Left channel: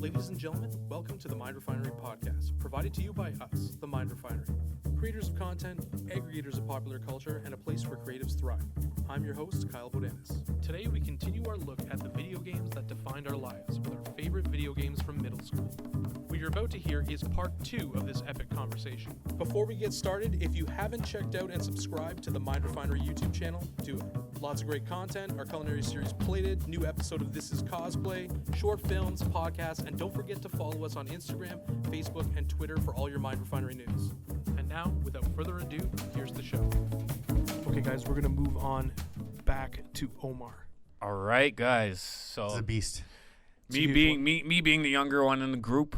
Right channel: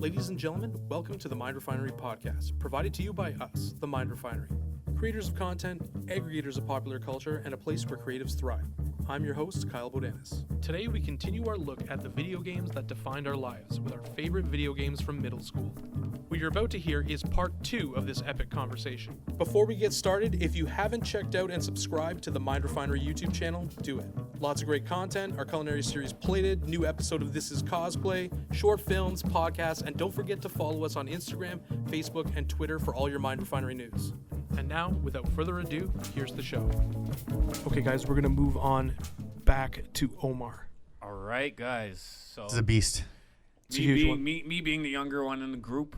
Ladies and gentlemen, welcome to the Mind Refinery podcast, provided to you by us, the Mind Refinery, creators of content, aggregators of popular culture, and a place where creatives thrive. I'm your host, Kyle Bodanis. Today we continue our look at the video games that defined our lives with our favorite video games from middle school. What you're about to hear is part 2 of this epic conversation. Before we get started, if you haven't checked out and subscribed to the Mind Refinery YouTube channel, do it. Lots of great content, our culinary series Plated, new episode of This Is Cosplay, short films, podcasts, and don't forget to follow us on Instagram, Facebook, and Twitter for all your Mind Refinery news. And now, without further ado, here's the show. Okay, guys, we're going to move on back to Omar. All right, guys. So It's a beast. me being the younger one in the group,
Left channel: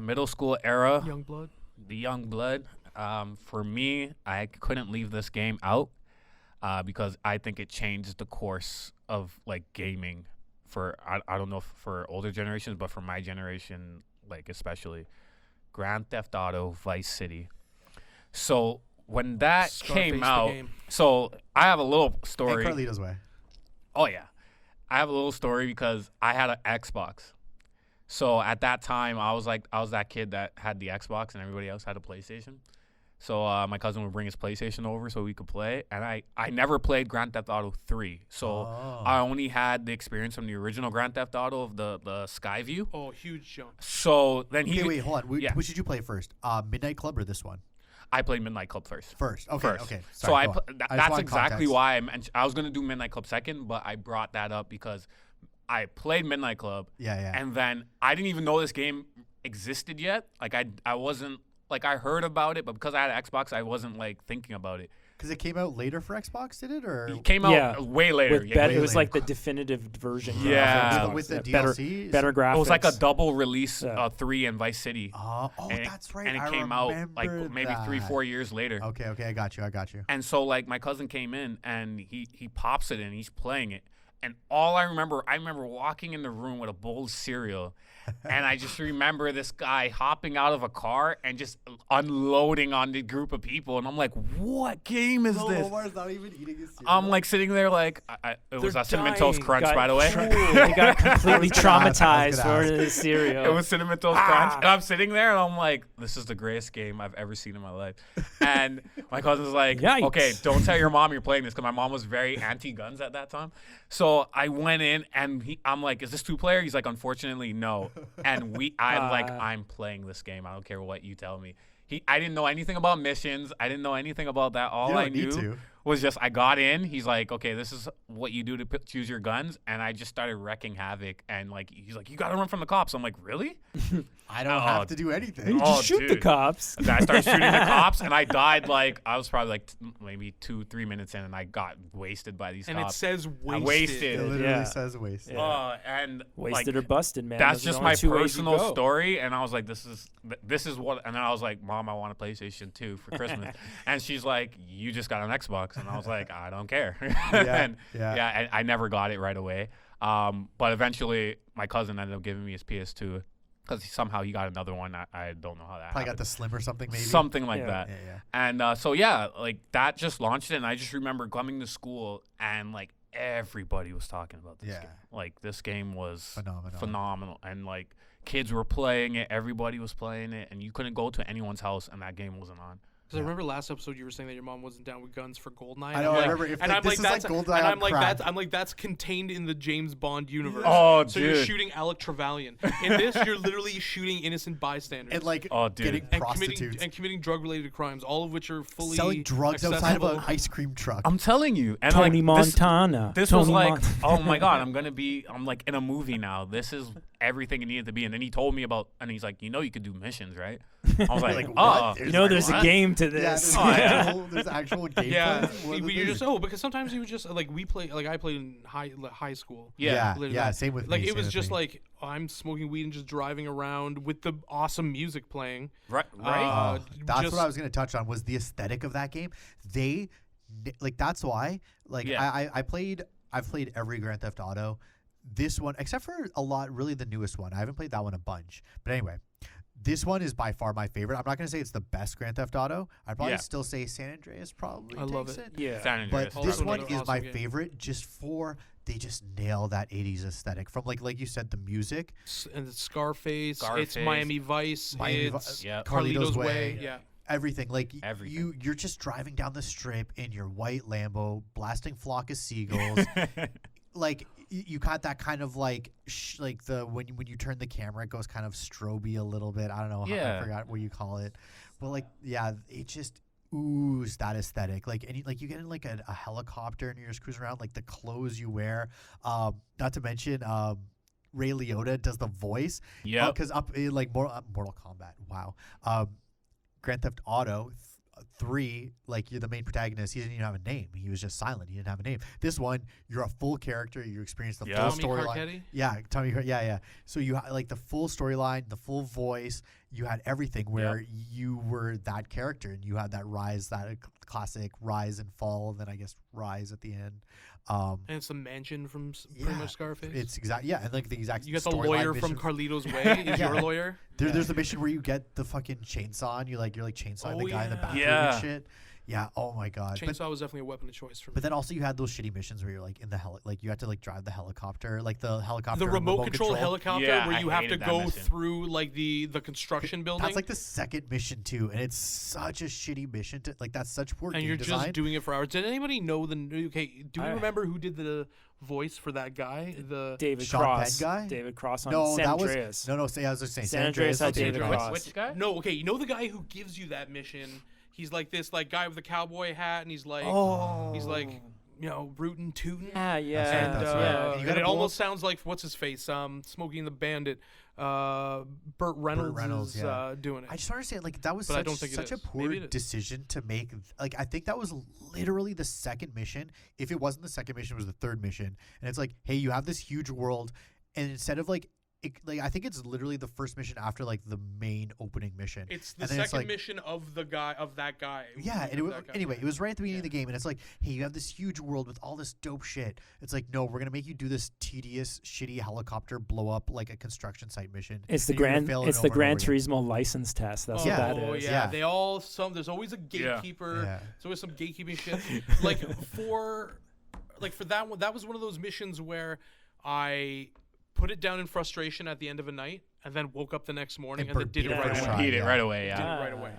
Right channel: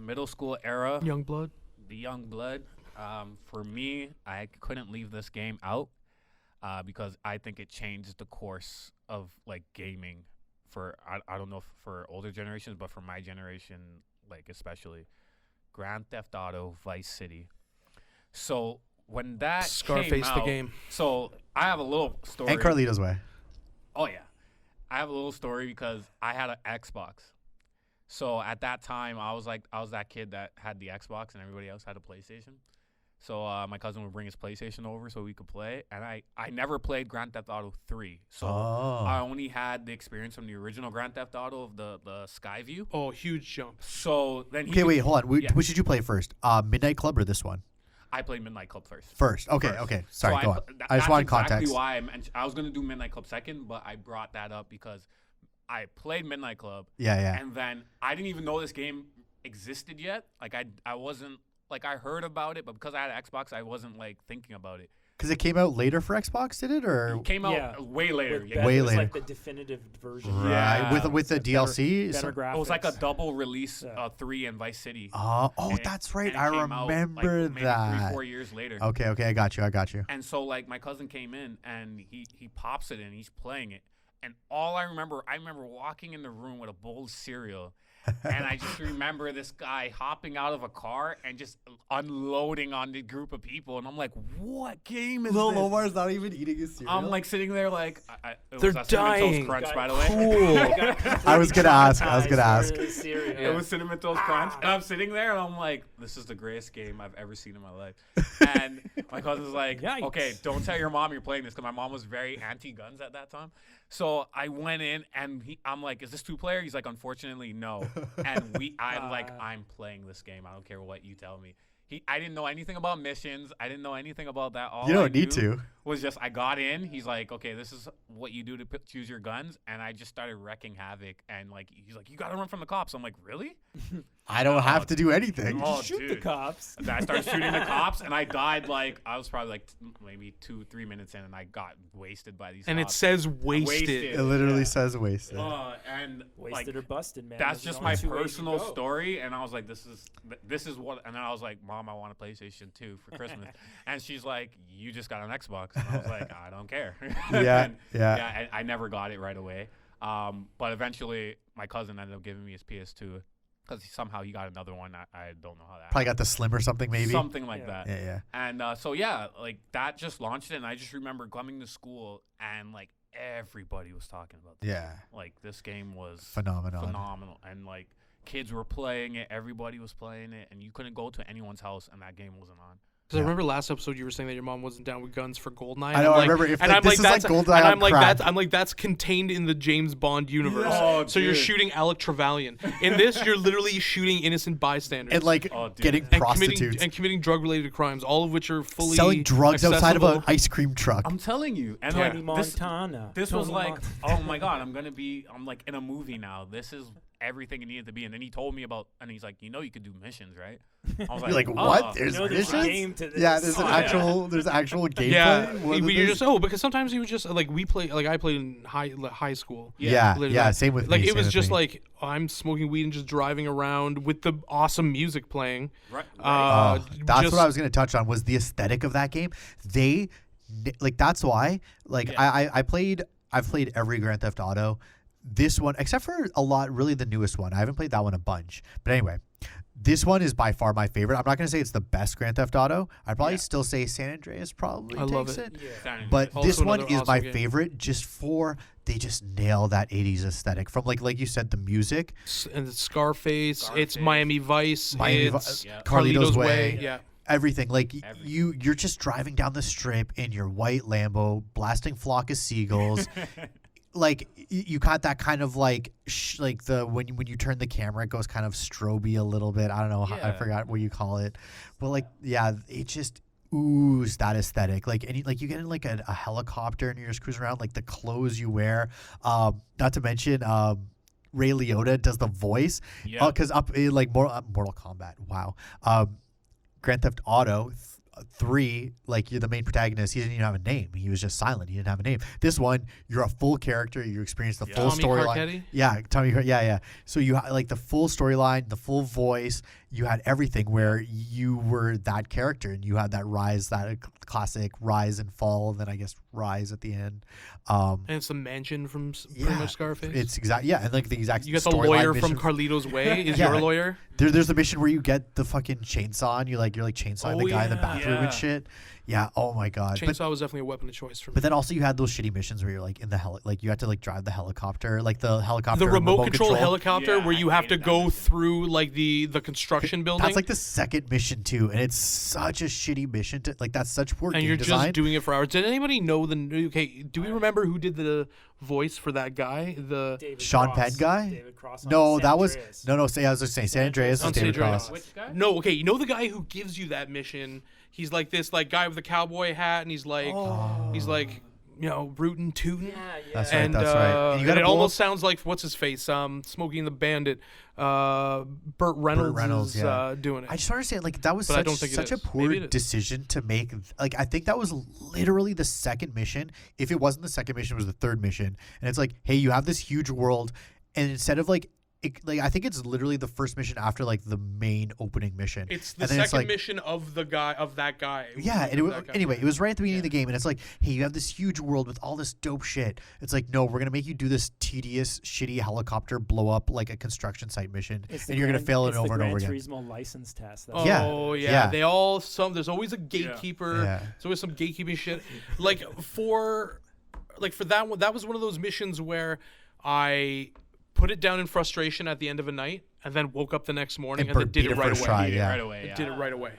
middle school era, Young blood. the young blood. For me, I couldn't leave this game out because I think it changed the course of like gaming. For I don't know if for older generations, but for my generation, like especially, Grand Theft Auto Vice City. So when that Scarface came out, the game. so I have a little story. And Carlito's Way. Oh yeah, I have a little story because I had an Xbox. So at that time, I was that kid that had the Xbox and everybody else had a PlayStation. So my cousin would bring his PlayStation over so we could play, and I never played Grand Theft Auto 3. So I only had the experience from the original Grand Theft Auto of the Skyview. Oh, huge jump. So then Wait, hold on. Which did you play first? Midnight Club or this one? I played Midnight Club first. Okay. Sorry, So go on. I just that's wanted exactly context. why I was going to do Midnight Club second, but I brought that up because I played Midnight Club. Yeah. And then I didn't even know this game existed yet. Like I wasn't like I heard about it, but because I had an Xbox, I wasn't like thinking about it. Because it came out later for Xbox, did it? Or It came out way later. With it was later. like the definitive version. Yeah. with the Better- DLC. better graphics. It was like a double release, Yeah. 3 and Vice City. Oh, that's right. And it I came out remember like maybe that. 3-4 years later. Okay, I got you. And so like my cousin came in and he pops it in, he's playing it. And all I remember walking in the room with a bowl of cereal. And I just remember this guy hopping out of a car and just unloading on the group of people. And I'm like, what game is this? Omar's not even eating his cereal. I'm like sitting there like, it They're was a Cinnamon Toast dying. Crunch, Got by the way. Cool. You got completely traumatized ask. for the cereal. It was Cinnamon Toast Crunch. And I'm sitting there and I'm like, this is the greatest game I've ever seen in my life. And my cousin's like, Yikes. okay, don't tell your mom you're playing this, because my mom was very anti-guns at that time. So I went in and I'm like, is this 2-player? He's like, unfortunately, no. And I'm playing this game. I don't care what you tell me. I didn't know anything about missions. I didn't know anything about that. All You don't I need knew to. was just I got in. He's like, okay, this is what you do to choose your guns. And I just started wrecking havoc. And like he's like, you got to run from the cops. I'm like, really? I don't have to do anything. Oh, Just shoot the dude. cops. And I started shooting the cops, and I died like I was probably like maybe 2-3 minutes in, and I got wasted by these And it cops. says wasted. wasted. It literally Yeah. says wasted. And Wasted like, or busted, man. that's There's just only my two ways you personal go. story, and I was like, this is what. And then I was like, Mom, I want a PlayStation 2 for Christmas, and she's like, you just got an Xbox, and I was like, I don't care. And I never got it right away. But eventually, my cousin ended up giving me his PS2 because somehow he got another one. I don't know how that. Probably got happened. the Slim or something, maybe. Something like Yeah. that. Yeah. And so yeah, like that just launched it, and I just remember coming to school and like everybody was talking about this. Yeah. Game. Like this game was Phenomenal. and like kids were playing it, everybody was playing it, and you couldn't go to anyone's house and that game wasn't on. Because I remember last episode you were saying that your mom wasn't down with guns for Goldeneye. I know. I remember. I'm like that's contained in the James Bond universe. Oh, so you're dude. shooting Alec Trevelyan. In this, you're literally shooting innocent bystanders And like getting prostitutes committing drug-related crimes, all of which are fully selling drugs outside of accessible. an ice cream truck. I'm telling you, and Tony this- Montana. This Tony was like, Mon- oh my god, I'm like in a movie now. This is everything it needed to be. And then he told me about, and he's like, you could do missions, right? I was like, Like, oh. what? there's a game to this. Yeah, there's actual gameplay. Yeah, What are you're these? just because sometimes he was just like I played in high school. Yeah, literally. same with Like me, it was same with just me. like I'm smoking weed and just driving around with the awesome music playing. Right. That's just- what I was gonna touch on was the aesthetic of that game. That's why I've played every Grand Theft Auto. This one, except for really the newest one. I haven't played that one a bunch. But anyway, this one is by far my favorite. I'm not going to say it's the best Grand Theft Auto. I'd probably still say San Andreas probably I love takes it. San But Andreas. this Also one another is awesome my game. favorite just for they just nail that 80s aesthetic from like you said, the music. And it's Scarface, it's Scarface. Miami Vice, it's Yeah. Carlito's Way. Yeah. Everything. Like Everything. you're just driving down the strip in your white Lambo, blasting flock of seagulls. Like you got that kind of like like the when you turn the camera, it goes kind of stroby a little bit. I don't know, I forgot what you call it, but like it just oozes that aesthetic. Like you get in like a helicopter and you're just cruising around. Like the clothes you wear. Not to mention Ray Liotta does the voice. Yeah. Because up in like Mortal Kombat. Wow. Grand Theft Auto 3, like you're the main protagonist. He didn't even have a name. He was just silent. He didn't have a name. This one, you're a full character. You experience the full Tommy storyline. Carcetti? Yeah, Tommy. Yeah. So you had like the full storyline, the full voice. You had everything where you were that character, and you had that rise, that classic rise and fall, and then I guess rise at the end. And it's a mansion from pretty much Scarface. It's and like the exact. You got the storyline lawyer mission. from Carlito's Way is your lawyer. There's the mission where you get the fucking chainsaw and you're like chainsawing the guy in the bathroom and shit. Yeah. Oh my god. Chainsaw was definitely a weapon of choice for me. But then also you had those shitty missions where you're like in the like you had to like drive the helicopter, like the helicopter. The remote control helicopter Yeah, where I you have to hated that go mission. through like the construction building. That's like the second mission too, and it's such a shitty mission to like. That's such poor and game you're design. just doing it for hours. Did anybody know do we remember who did the voice for that guy? The David Sean Cross. Penn guy? David Cross on No, San that was Andreas. no. I was just saying San San Andreas. Andreas on David San Andreas. Cross. Which guy? No, okay, you know the guy who gives you that mission? He's like this like guy with the cowboy hat, and he's like rootin' tootin'. Yeah, yeah. That's right, And, that's right. And you and gotta it blow almost sounds like what's his face? Smokey and the Bandit. Burt Reynolds is yeah. doing it. I just understand like that was But I such, don't think it such a is. poor Maybe it is. decision to make. Like I think that was literally the second mission. If it wasn't the second mission, it was the third mission. And it's like, hey, you have this huge world, and instead of like I think it's literally the first mission after like the main opening mission. It's the And then second like, mission of that guy. Yeah, and it was right at the beginning of the game, and it's like, hey, you have this huge world with all this dope shit. It's like, no, we're gonna make you do this tedious, shitty helicopter blow up like a construction site mission. It's the and you're gonna Gran fail it it's over the and Gran over again. Turismo license test. That's Yeah. Oh what it is. yeah. Yeah. There's always a gatekeeper. Yeah. There's always some gatekeeping shit. For that one, that was one of those missions where I put it down in frustration at the end of a night, and then woke up the next morning and then did beat it it right first away. try. Beat it yeah. right away. Did it right away.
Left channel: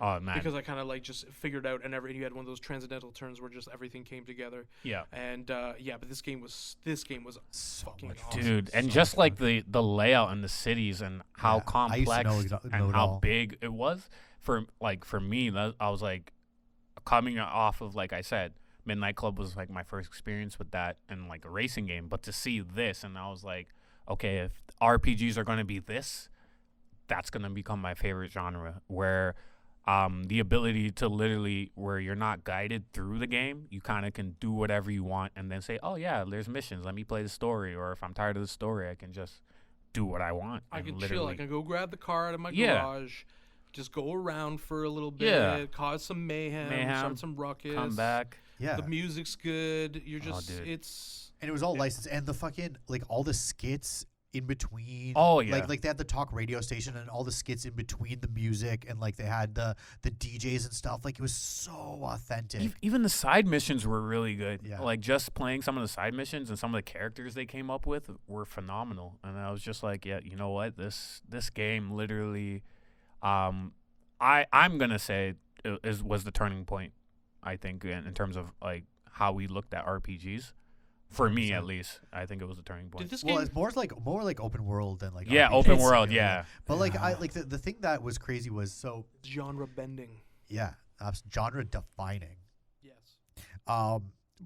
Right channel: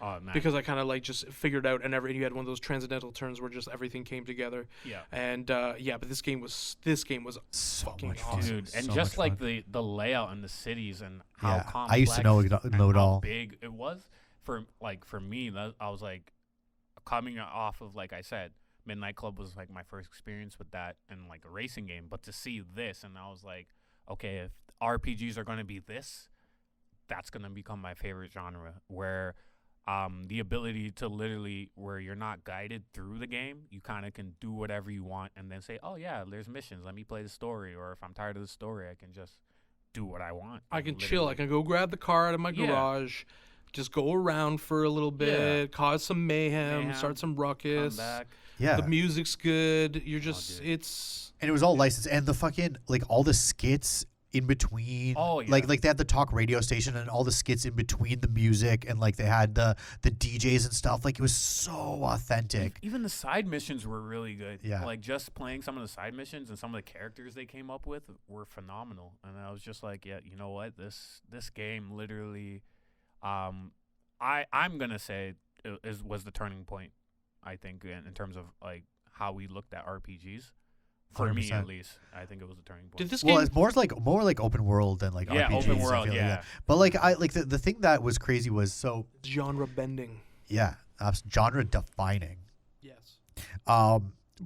Oh man. Because I kind of like just figured out, and you had one of those transcendental turns where just everything came together. Yeah. And but this game was So fucking much fun. awesome. Dude, and So just much like fun. the layout and the cities and how Yeah, complex I used to know and it how all. big it was for me. I was like coming off of, like I said, Midnight Club was like my first experience with that and like a racing game. But to see this, and I was like, okay, if RPGs are going to be this, that's going to become my favorite genre, where the ability to literally, where you're not guided through the game, you kind of can do whatever you want and then say, oh yeah, there's missions, let me play the story. Or if I'm tired of the story, I can just do what I want. I and can chill. I literally- can go grab the car out of my Yeah. garage, just go around for a little bit, cause some mayhem, start some ruckus. come back. Yeah. The music's good. You're just dude. it's And it was all licensed, and the fucking like all the skits in between. Oh, yeah. Like they had the talk radio station and all the skits in between the music, and like they had the DJs and stuff. Like it was so authentic. Even the side missions were really good. Yeah. Like just playing some of the side missions and some of the characters they came up with were phenomenal. And I was just like, yeah, you know what? This game literally, I'm gonna say was the turning point. I think in terms of like how we looked at RPGs. For me, 100%. at least, I think it was a turning point. did this Well, game it's more like open world than like Yeah, RPGs, open I world, feel, yeah. But like I like the thing that was crazy was genre bending? yeah, genre defining. Yes.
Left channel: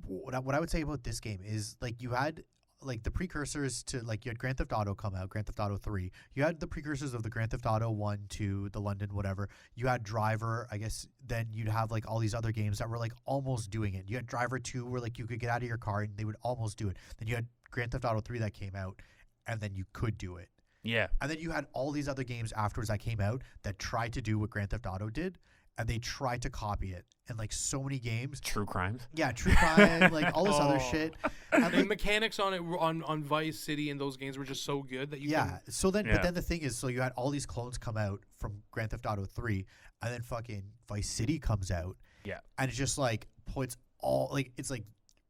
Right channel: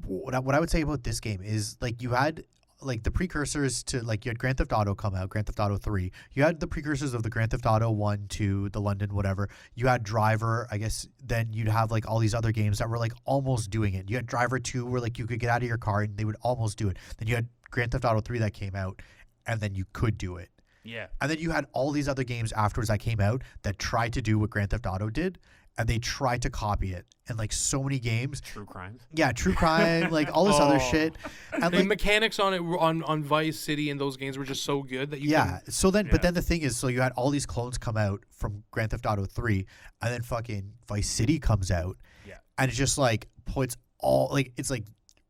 What I would say about this game is like you had like the precursors to like you had Grand Theft Auto come out, Grand Theft Auto 3. You had the precursors of the Grand Theft Auto 1, 2, the London, whatever. You had Driver, I guess. Then you'd have like all these other games that were like almost doing it. You had Driver 2 where like you could get out of your car and they would almost do it. Then you had Grand Theft Auto 3 that came out, and then you could do it. Yeah. And then you had all these other games afterwards that came out that tried to do what Grand Theft Auto did, and they tried to copy it. And like so many games, True crimes. yeah, true crime, like all this other shit. And The like, mechanics on it on Vice City and those games were just so good that you yeah. can, So then, Yeah. but then the thing is, so you had all these clones come out from Grand Theft Auto 3, and then fucking Vice City comes out. Yeah. And it just like puts all like it's like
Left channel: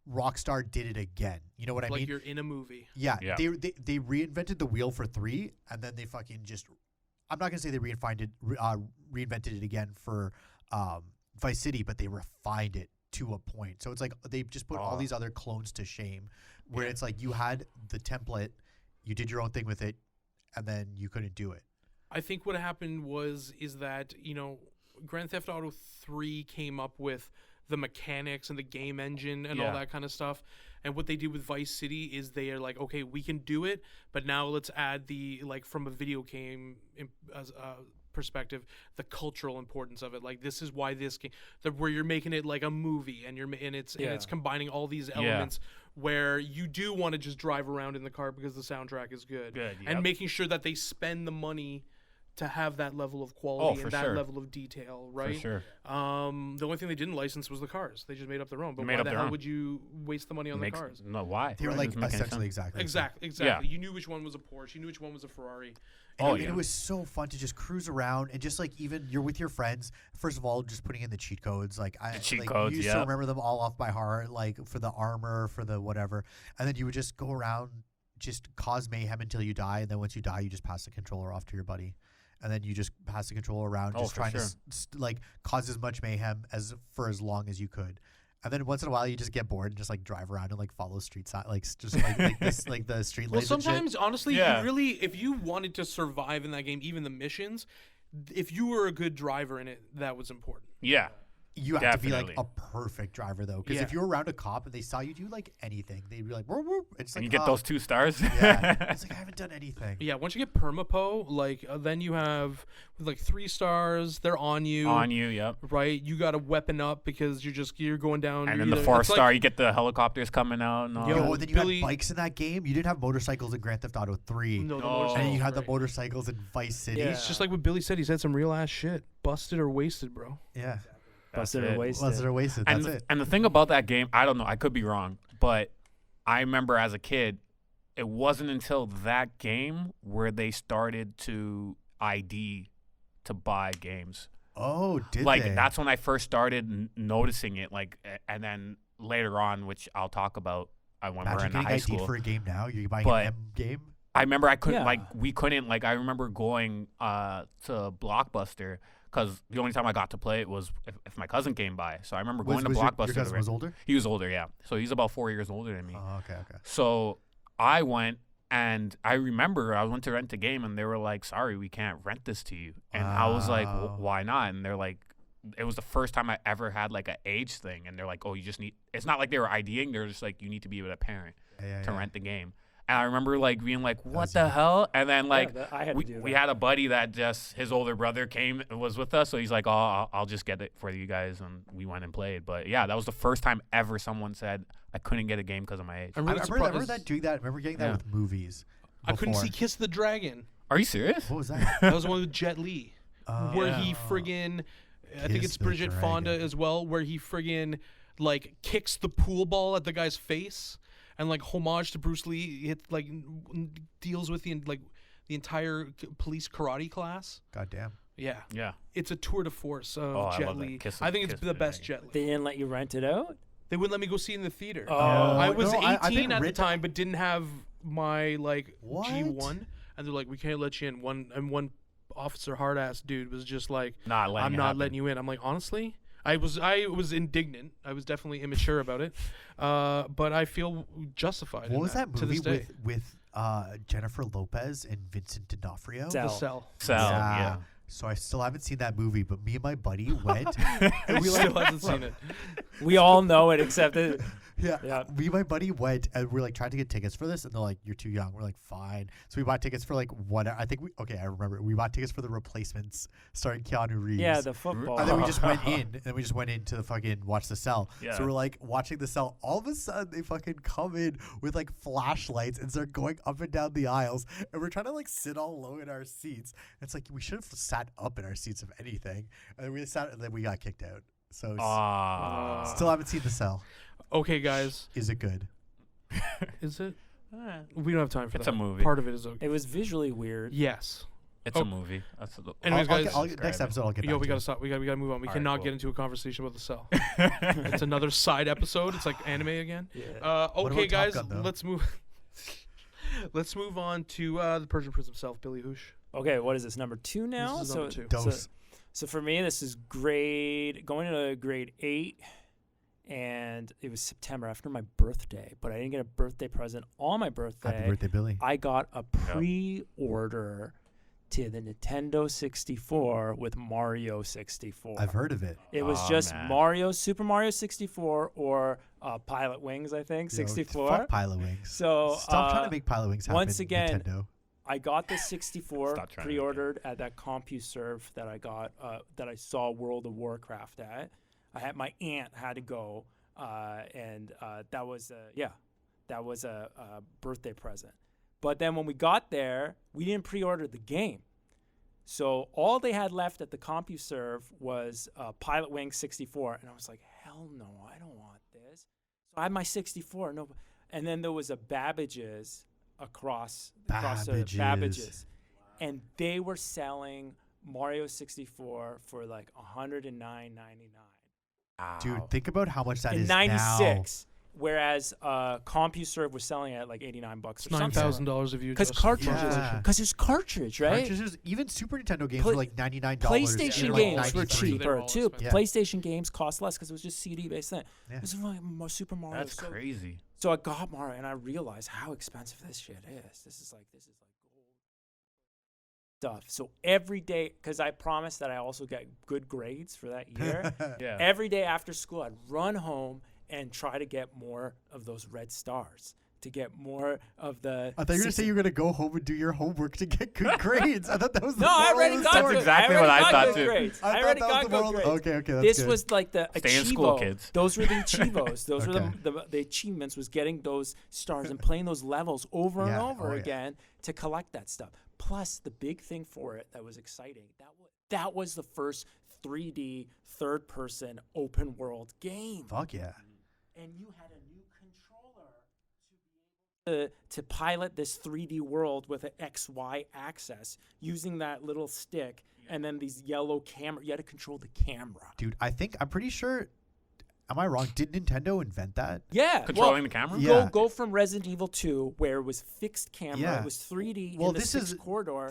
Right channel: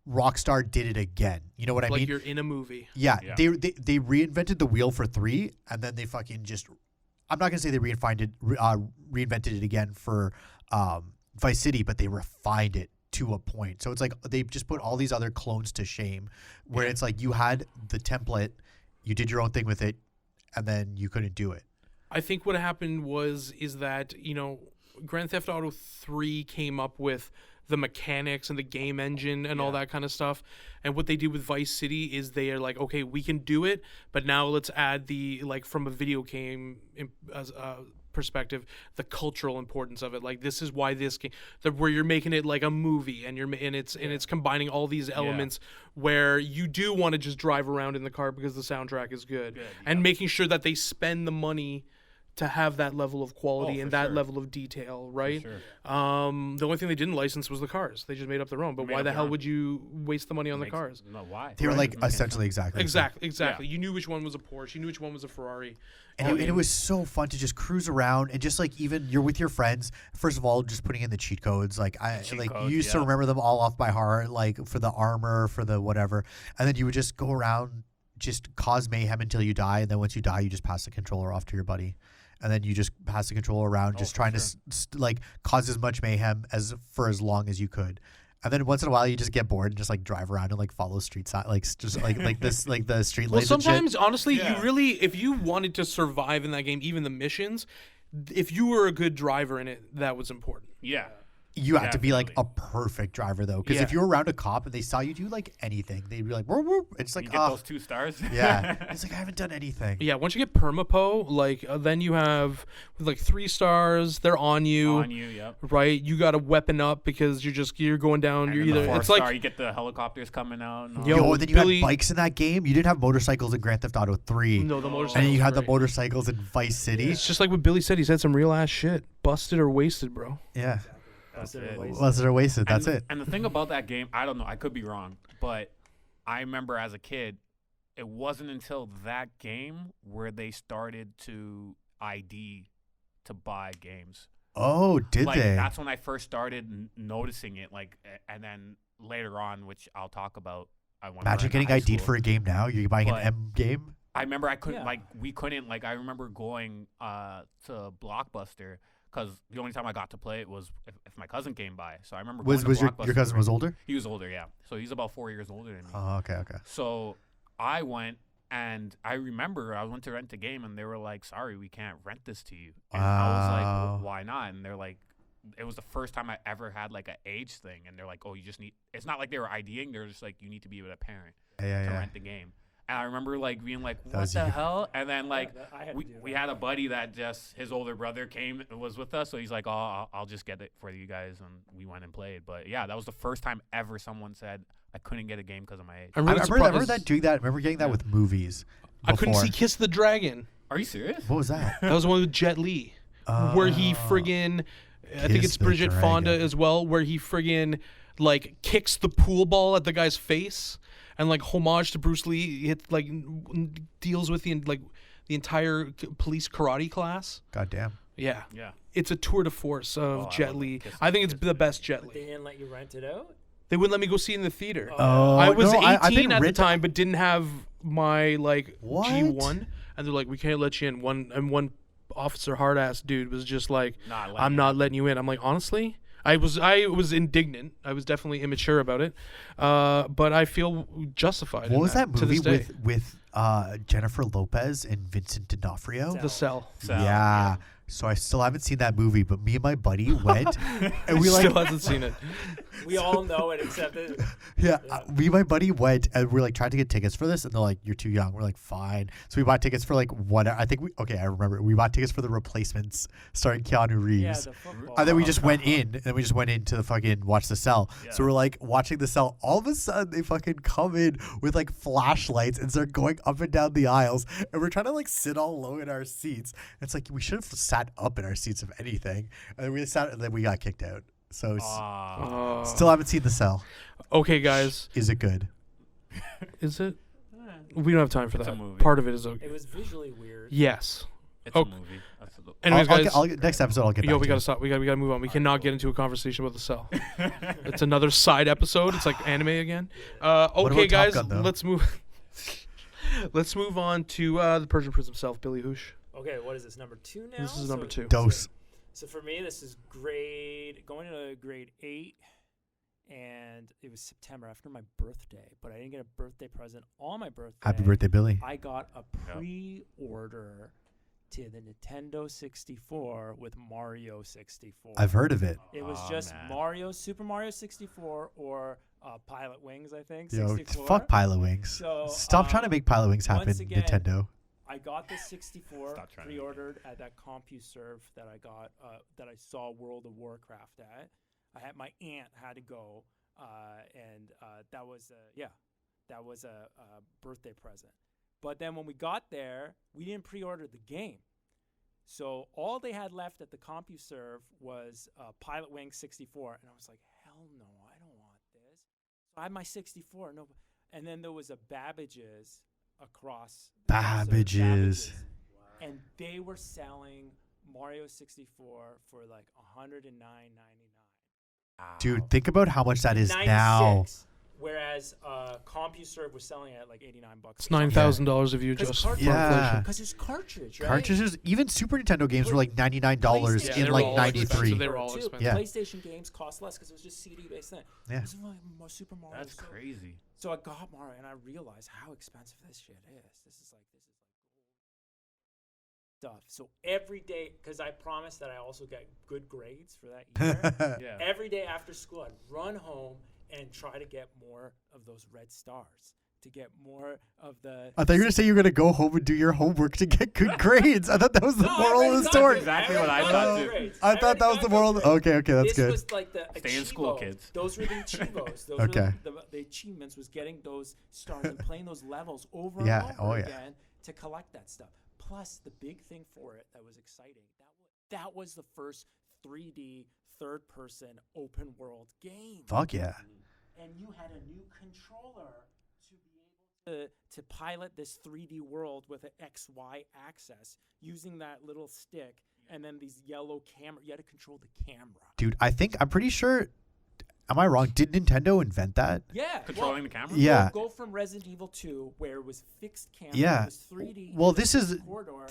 Rockstar did it again. You know what I mean? Like you're in a movie. Yeah, Yeah. they reinvented the wheel for 3, and then they fucking just. I'm not gonna say they reinvented it again for Vice City, but they refined it to a point. So it's like they've just put all these other clones to shame, where it's like you had the template, you did your own thing with it, and then you couldn't do it. I think what happened is that, Grand Theft Auto 3 came up with the mechanics and the game engine and all that kind of stuff. And what they did with Vice City is they are like, okay, we can do it, but now let's add the, like, from a video game perspective, the cultural importance of it. Like, this is why this game, where you're making it like a movie, and it's combining all these elements where you do want to just drive around in the car because the soundtrack is good. And making sure that they spend the money to have that level of quality and that level of detail, right? For sure. The only thing they didn't license was the cars. They just made up their own. But why the hell would you waste the money on the cars? No, why? They were like essentially exactly. Exactly. Yeah. You knew which one was a Porsche. You knew which one was a Ferrari. And it was so fun to just cruise around and just like even you're with your friends. First of all, just putting in the cheat codes. Like you used to remember them all off by heart, like for the armor, for the whatever. And then you would just go around, just cause mayhem until you die. And then once you die, you just pass the controller off to your buddy. And then you just pass the controller around, just trying to like cause as much mayhem for as long as you could. And then once in a while, you just get bored and just like drive around and like follow street sign, like just like this, like the street lights. Well, sometimes honestly, you really, if you wanted to survive in that game, even the missions, if you were a good driver in it, that was important. Yeah. You have to be like a perfect driver though, because if you were around a cop and they saw you do like anything, they'd be like, whoop, whoop. It's like you get those 2 stars. Yeah, it's like I haven't done anything. Yeah, once you get permapo, like then you have like 3 stars. They're on you. On you, yep. Right, you got to weapon up because you're going down. And you're then either the 4 it's star, like you get the helicopters coming out. And all Yo, that. And then you Billy- had bikes in that game. You didn't have motorcycles in Grand Theft Auto 3. no, the motorcycles. And then you had the great. motorcycles in Vice City. It's just like what Billy said. He said some real ass shit. Busted or wasted, bro. Yeah. Busted or wasted. Busted or wasted. That's it. And the thing about that game, I don't know, I could be wrong, but I remember as a kid, it wasn't until that game where they started to ID to buy games. Oh, did like they? that's when I first started noticing it. Like, and then later on, which I'll talk about, when Imagine getting ID'd for a game now. You're buying an M game. I remember I couldn't Yeah. we couldn't I remember going to Blockbuster. Because the only time I got to play it was if my cousin came by. So I remember going to Blockbuster. Your cousin was older? He was older, yeah. So he's about 4 years older than me. Oh, okay. So I went, and I remember I went to rent a game, and they were like, sorry, we can't rent this to you. And I was like, why not? And they're like, it was the first time I ever had like an age thing. And they're like, oh, you just need, it's not like they were IDing. They're just like, you need to be with a parent to rent the game. And I remember like being like, what the hell? And then like we had a buddy that just his older brother was with us, so he's like, oh, I'll just get it for you guys, and we went and played. But yeah, that was the first time ever someone said I couldn't get a game because of my age. I'm really I surprised. remember that doing that. I remember getting that with movies. I couldn't before. see Kiss the Dragon. Are you serious? What was that? That was the one with Jet Li, where he friggin', I think it's the Bridget Fonda Dragon. as well, where he friggin' like kicks the pool ball at the guy's face. And like homage to Bruce Lee, it like deals with the entire police karate class. Goddamn. Yeah, Yeah. it's a tour de force of I Jet love Li. that. I think it's the best Jet Li. They didn't let you rent it out? They wouldn't let me go see it in the theater. Oh, I was no, 18 I've been at the written- time, but didn't have my like What? G1, and they're like, we can't let you in. One officer hard ass dude was just like, I'm not letting you in. I'm like, honestly. I was indignant. I was definitely immature about it, but I feel justified. What was that to movie this day? with Jennifer Lopez and Vincent D'Onofrio? The Cell. Yeah. So I still haven't seen that movie, but me and my buddy went, and we Still like, hasn't seen it. We all know it except it. yeah, Yeah. me and my buddy went, and we're like trying to get tickets for this, and they're like, "You're too young." We're like, "Fine." So we bought tickets for like one. I think I remember. We bought tickets for The Replacements, starring Keanu Reeves. Yeah, the football. And then we just went in, and then we just went in to fucking watch The Cell. Yeah. So we're like watching The Cell. All of a sudden, they fucking come in with like flashlights and start going up and down the aisles. And we're trying to like sit all low in our seats. It's like we should have sat up in our seats if anything. And then we sat, and then we got kicked out. So still haven't seen The Cell. Okay, guys. Is it good? Is it? We don't have time for It's that. a movie. Part of it is okay. It was visually weird. Yes. It's Oh. a movie. Anyways, guys. Next episode, I'll get Yo, back we to gotta it. stop. We gotta move on. We Alright, cannot cool. get into a conversation about the cell. It's another side episode. It's like anime again. What Okay, about Top guys, Gun, though? let's move. Let's move on to the Persian Prince himself, Billy Hoosh. Okay, what is this, number 2 now? This is number 2. Dose. So for me, this is going into grade 8, and it was September after my birthday, but I didn't get a birthday present on my birthday. Happy birthday, Billy. I got a pre-order to the Nintendo 64 with Mario 64. I've heard of it. It was Aw, just man. Super Mario 64 or Pilot Wings, I think, Yo, 64. fuck Pilot Wings. So Stop trying to make Pilot Wings happen, once again, Nintendo. I got the 64 Stop trying to make pre-ordered at that CompuServe that I got that I saw World of Warcraft at. I had my aunt had to go, and that was a birthday present. But then when we got there, we didn't pre-order the game. So all they had left at the CompuServe was Pilot Wing 64, and I was like, hell no, I don't want this. So I had my 64, no, and then there was a Babbage's across Babbage's. and they were selling Mario 64 for like $109.99. Dude, think about how much that in is now. 96, whereas CompuServe was selling it at like $89. It's $9,000 if you Because adjust for cartridge, inflation. because it's cartridge, right? Cartridges, even Super Nintendo games Pla- were like $99 PlayStation in they're like all games were expensive. '93. They were cheaper all too. expensive. Yeah. PlayStation games cost less because it was just CD based thing. Yeah. It was like Super Mario. That's crazy. So I got Mario and I realized how expensive this shit is. This is like gold stuff. So every day, because I promised that I also get good grades for that year. Yeah. Every day after school, I'd run home and try to get more of those red stars, to get more of the. I thought you were going to say you were going to go home and do your homework to get good grades. I thought that was the No, I moral already of the got story. good. Exactly I what I already got thought good too. grades. I thought already that was got the good moral. grades. Okay, that's This good. was like the Stay in school, achievo. kids. Those were the achievos. Those Okay. were the achievements, was getting those stars and playing those levels over Yeah, and over oh, yeah. again to collect that stuff. Plus, the big thing for it that was exciting, that was the first 3D third-person open world game. Fuck yeah. And you had a new controller to be able to pilot this 3D world with an XY axis using that little stick and then these yellow camera. You had to control the camera. Dude, I'm pretty sure, am I wrong? Did Nintendo invent that? Yeah. Controlling the camera? Yeah. Go from Resident Evil 2, where it was fixed camera, Yeah. it was 3D. Well, in the this is- fixed corridor.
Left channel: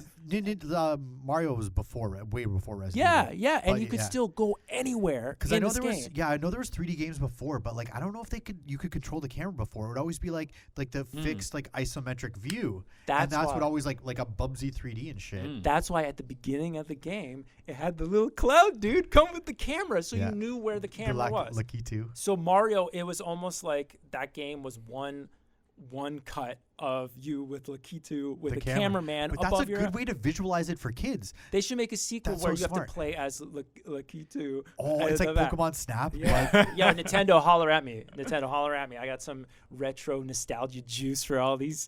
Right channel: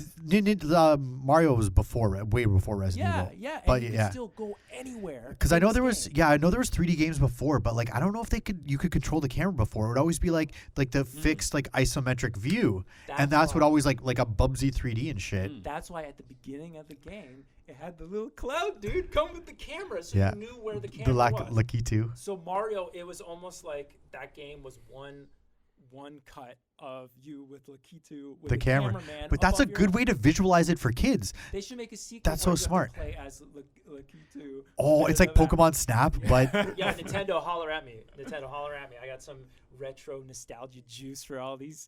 Mario was way before Resident Yeah, Evil. yeah, But and you could still go anywhere. Because I in know this there was, game. I know there was 3D games before, but like I don't know if you could control the camera before. It would always be like the fixed like isometric view, and that's what why- always like a Bubsy 3D and shit. That's why at the beginning of the game, it had the little cloud dude come with the camera, so Yeah. you knew where the The camera was. Lucky 2. So Mario, it was almost like that game was one cut of you with Lakitu with The the camera. cameraman. But that's a above your good head. way to visualize it for kids. They should make a sequel That's where so you smart. have to play as Lakitu. Oh, it's like Pokemon Snap, but Yeah, Nintendo, holler at me. Nintendo, holler at me. I got some retro nostalgia juice for all these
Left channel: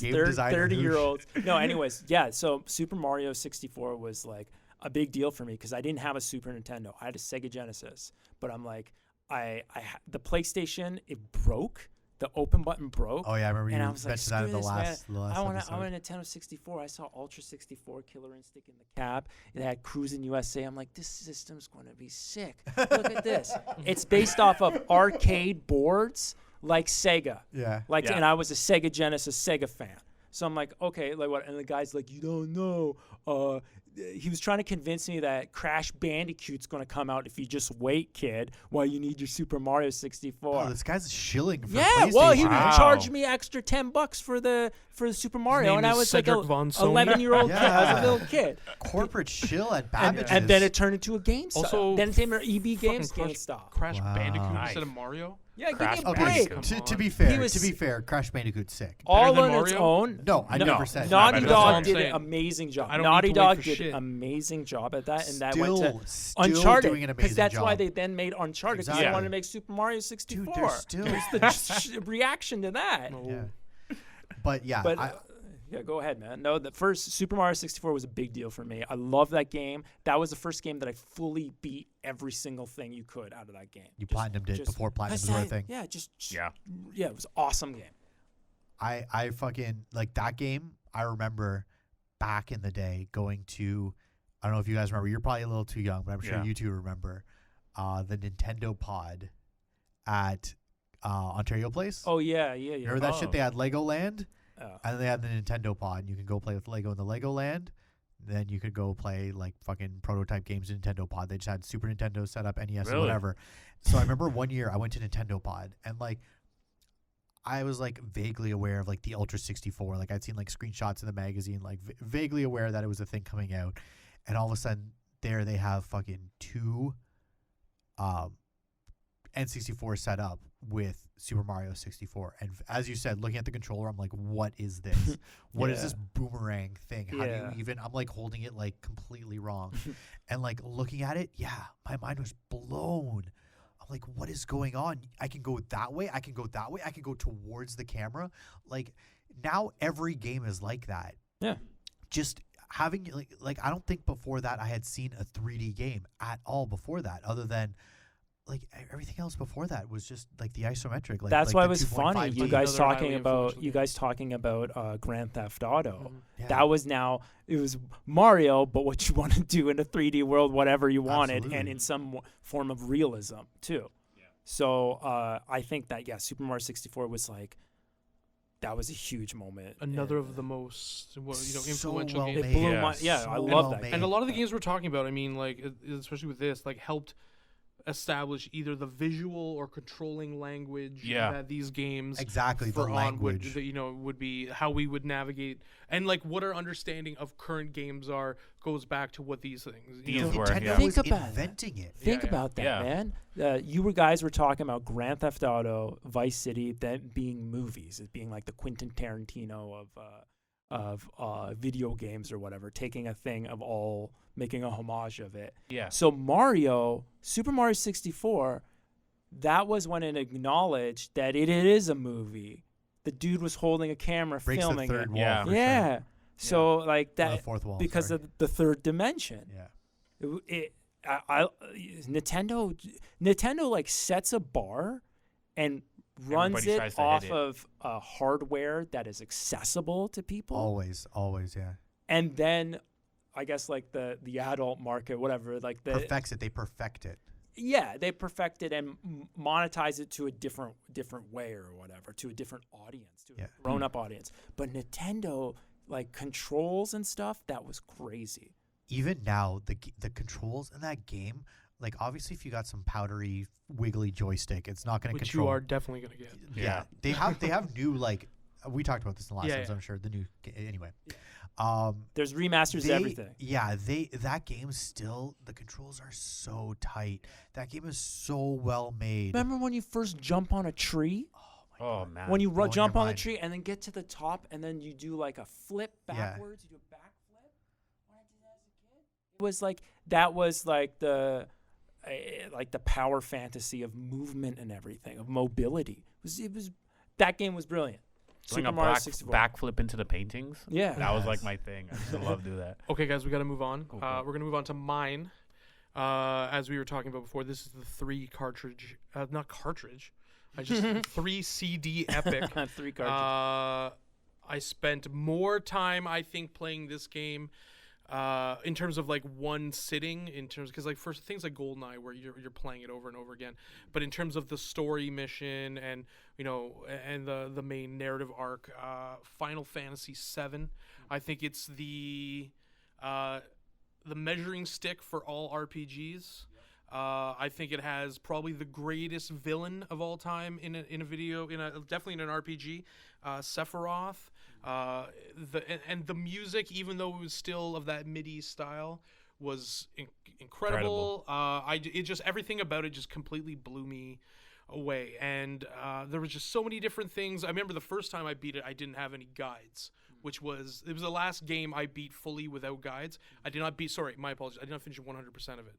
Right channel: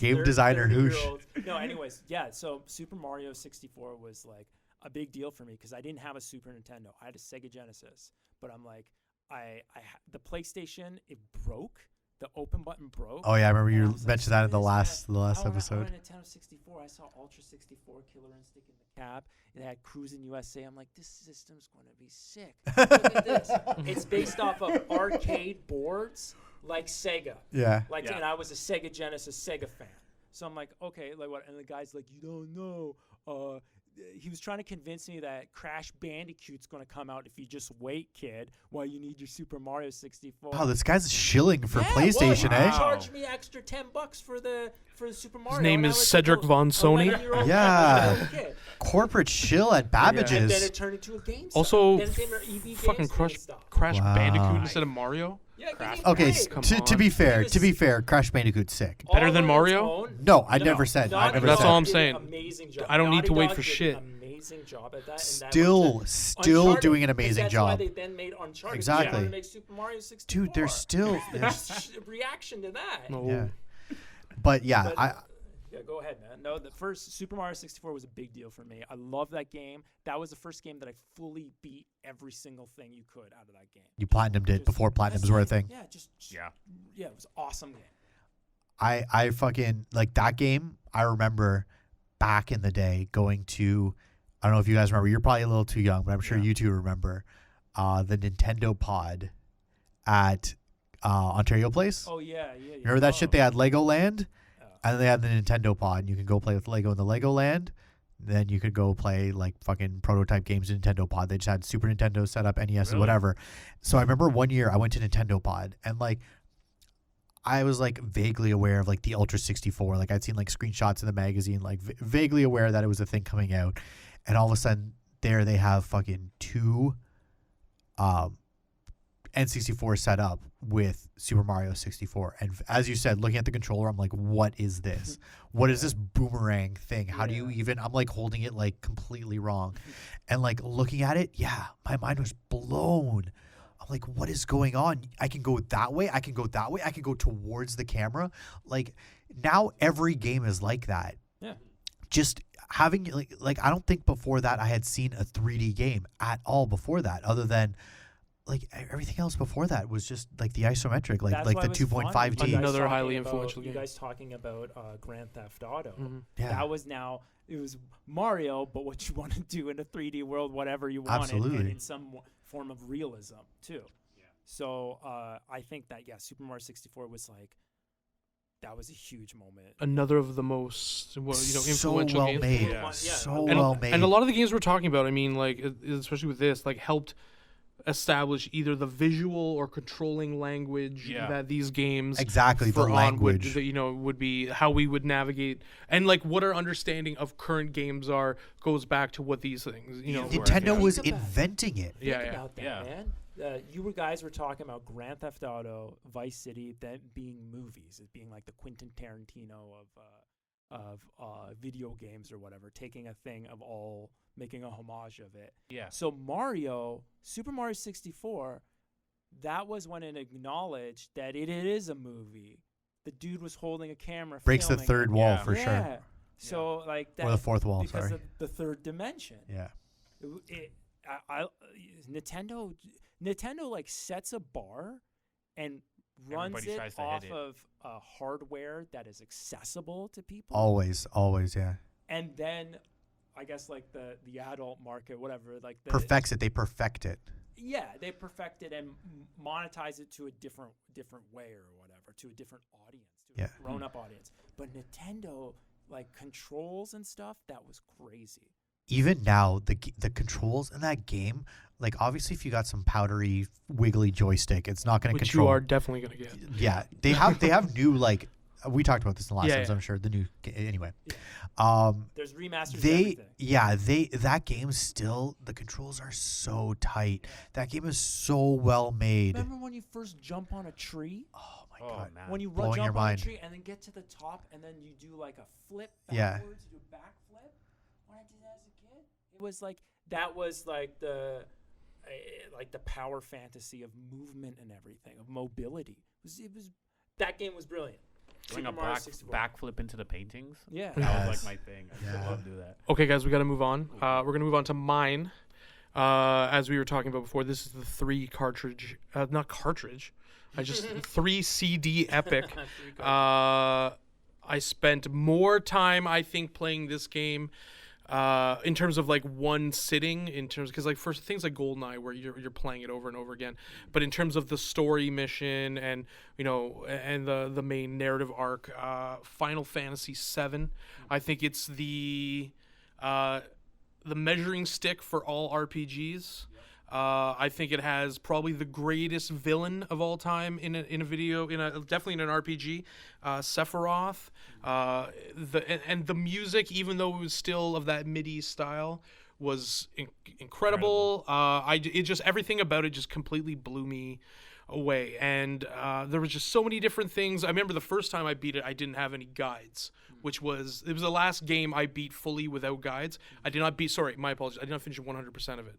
Game designer 30-year-olds. No, anyways, yeah. So Super Mario 64 was like a big deal for me because I didn't have a Super Nintendo. I had a Sega Genesis, but I'm like, the PlayStation, it broke. The open button broke. oh yeah, I remember And I you was like, mentioned that in "Screw the this, man. last I want episode. a Nintendo 64. I saw Ultra 64, Killer Instinct in the cab. It had Cruising USA. I'm like, this system's going to be sick. Look at this. It's based off of arcade boards like Sega. Yeah. Like, Yeah. and I was a Sega Genesis Sega fan. So I'm like, okay, like what? And the guy's like, you don't know. He was trying to convince me that Crash Bandicoot's going to come out if you just wait, kid, while you need your Super Mario 64. Oh, this guy's shilling for Yeah, PlayStation, well, he eh? charged me extra $10 for the Super Mario. name and I is was Cedric like Von Sony? 11-year-old kid. I Yeah. was a little kid. Corporate shill at Babbage's. And then it turned into a game. Also, then it became an EB fucking Games Crash GameStop. Wow. Bandicoot instead of Mario. Yeah, give me a Okay, break. Come to on. be He fair, was- Crash Bandicoot's sick. Better All than on its Mario? own. No, I never said. Naughty That's Dog all I'm did saying. an amazing job. I don't need Naughty to wait Dog for did shit. an amazing job at that, and that Still went to Uncharted, doing an 'cause amazing that's job. why they then made Uncharted. Because they Exactly. wanted to make Super Mario 64. Dude, there's still. the reaction to that. No. Yeah. But yeah, But yeah, go ahead, man. No, the first Super Mario 64 was a big deal for me. I love that game. That was the first game that I fully beat every single thing you could out of that game. you platinumed it before platinums were a thing. Yeah, Yeah. Yeah, it was an awesome game. I fucking like that game. I remember back in the day going to, I don't know if you guys remember. You're probably a little too young, but I'm sure Yeah. you two remember the Nintendo Pod at Ontario Place. Oh yeah. Remember that shit? They had Legoland, Oh. and they had the Nintendo Pod. And you can go play with Lego in the Legoland. Then you could go play like fucking prototype games in Nintendo Pod. They just had Super Nintendo set up, NES, Really? whatever. So I remember one year I went to Nintendo Pod, and like I was like vaguely aware of like the Ultra 64. Like I'd seen like screenshots in the magazine, like vaguely aware that it was a thing coming out. And all of a sudden there they have fucking two N64 set up with Super Mario 64. And as you said, looking at the controller, I'm like, what is this? What is Yeah. this boomerang thing? How do you Yeah. even, I'm like holding it like completely wrong. And like looking at it, yeah, my mind was blown. I'm like, what is going on? I can go that way. I can go that way. I can go towards the camera. Like now every game is like that. Yeah. Just having like I don't think before that I had seen a 3D game at all before that, other than like everything else before that was just like the isometric. Like That's like why the it was 2.5D. funny. You guys Another highly talking about influential Grand Theft Auto. Mhm. Yeah. That was now it was Mario, but what you want to do in a 3D world, whatever you wanted, and Absolutely. in some form of realism too. So I think that Super Mario 64 was like that was a huge moment. Another of the most influential well games. made. Blew Yeah. my- yeah, So I love well that. made. And a lot of the games we're talking about, I mean, like especially with this, like helped establish either the visual or controlling language Yeah. that these games Exactly, the for on would language. would be how we would navigate, and like what our understanding of current games are goes back to what these things These were- Nintendo yeah. was Think about that. inventing it. Yeah, Think yeah. about that, Yeah. man. You guys were talking about Grand Theft Auto, Vice City, that being movies, as being like the Quentin Tarantino of video games or whatever, taking a thing of all, making a homage of it. Yeah. So Super Mario 64, that was when it acknowledged that it is a movie. The dude was holding a camera, Breaks the filming third it. wall Yeah. for Yeah. sure. So like Or that the fourth wall. because sorry. of the third dimension. Yeah. Nintendo like sets a bar and runs Everybody it tries to hit off it. of hardware that is accessible to people. Always, yeah. And then I guess like the adult market, whatever, like the Perfects it. They perfect it. yeah, they perfect it and monetize it to a different way or whatever, to a different audience, to Yeah. a grown up audience. But Nintendo like controls and stuff, that was crazy. Even now, the controls in that game, like obviously if you got some powdery, wiggly joystick, it's not going to which control. you are definitely gonna get. Yeah, they have new like we talked about this in the last Yeah, episode, yeah. I'm sure. The new anyway. Yeah. There's remasters of everything. That game still, the controls are so tight. That game is so well made. Remember when you first jump on a tree? Oh my Oh god. man. When you Blowing your jump on the mind. tree and then get to the top and then you do like a flip Yeah. backwards, you do a backflip. When I did that as a kid, it was like that was like the power fantasy of movement and everything, of mobility. It was that game was brilliant. Doing Super a Mario 64. backflip into the paintings. Yeah. That was Yes. like my thing. I used to love to do that. Okay, guys, we got to move on. We're going to move on to mine. As we were talking about before, this is the 3 cartridge, not cartridge. I just 3 CD epic. 3 cartridges. I spent more time, I think, playing this game in terms of like one sitting, in terms because like for things like GoldenEye where you're playing it over and over again, but in terms of the story mission and and the main narrative arc, Final Fantasy VII, I think it's the measuring stick for all RPGs. I think it has probably the greatest villain of all time in a video, definitely in an RPG, Sephiroth. The music, even though it was still of that MIDI style, was incredible. It just everything about it just completely blew me away, and there was just so many different things. I remember the first time I beat it, I didn't have any guides, it was the last game I beat fully without guides. I did not beat. Sorry, my apologies. I did not finish 100% of it.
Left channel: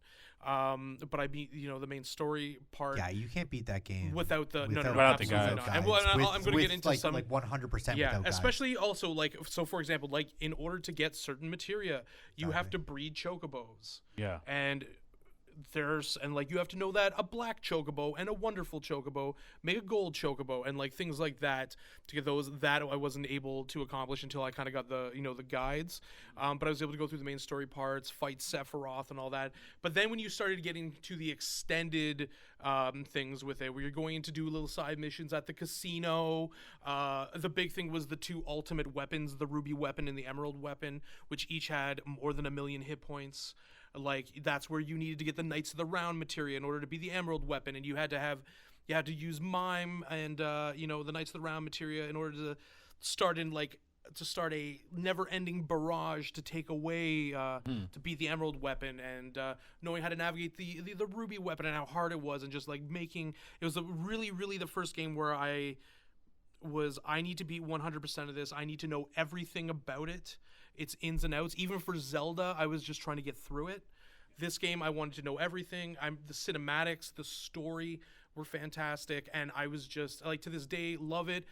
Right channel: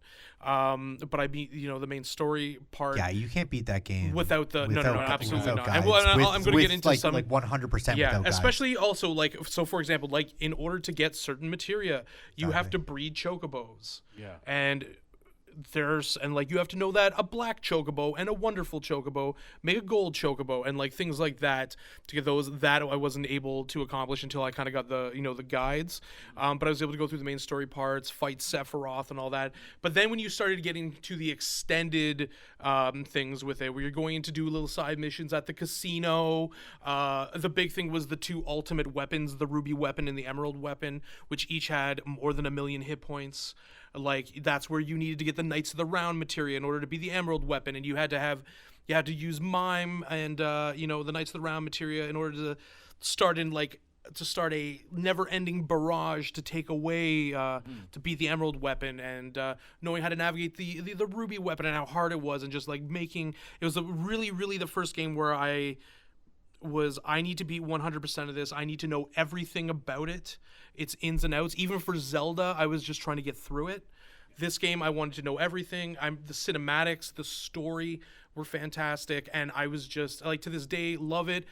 But I beat the main story part. Yeah, you can't beat that game Without the no, absolutely without not. guides. And I'm going to With, get into like, some like 100%. yeah, without guides. especially also like so. For example, like in order to get certain materia, you have to breed chocobos. Yeah. And you have to know that a black chocobo and a wonderful chocobo make a gold chocobo, and like things like that to get those that I wasn't able to accomplish until I kind of got the the guides. But I was able to go through the main story parts, fight Sephiroth and all that. But then when you started getting to the extended things with it, where you're going to do little side missions at the casino, the big thing was the 2 ultimate weapons, the ruby weapon and the emerald weapon, which each had more than 1 million hit points. Like that's where you needed to get the Knights of the Round materia in order to be the emerald weapon, and you had to use mime and the Knights of the Round materia in order to start a never-ending barrage to take away to beat the emerald weapon, and knowing how to navigate the ruby weapon and how hard it was, and just like it was really the first game where I need to beat 100% of this. I need to know everything about it, its ins and outs. Even for Zelda, I was just trying to get through it. This game, I wanted to know everything. The cinematics, the story were fantastic, and I was just like, to this day, love it.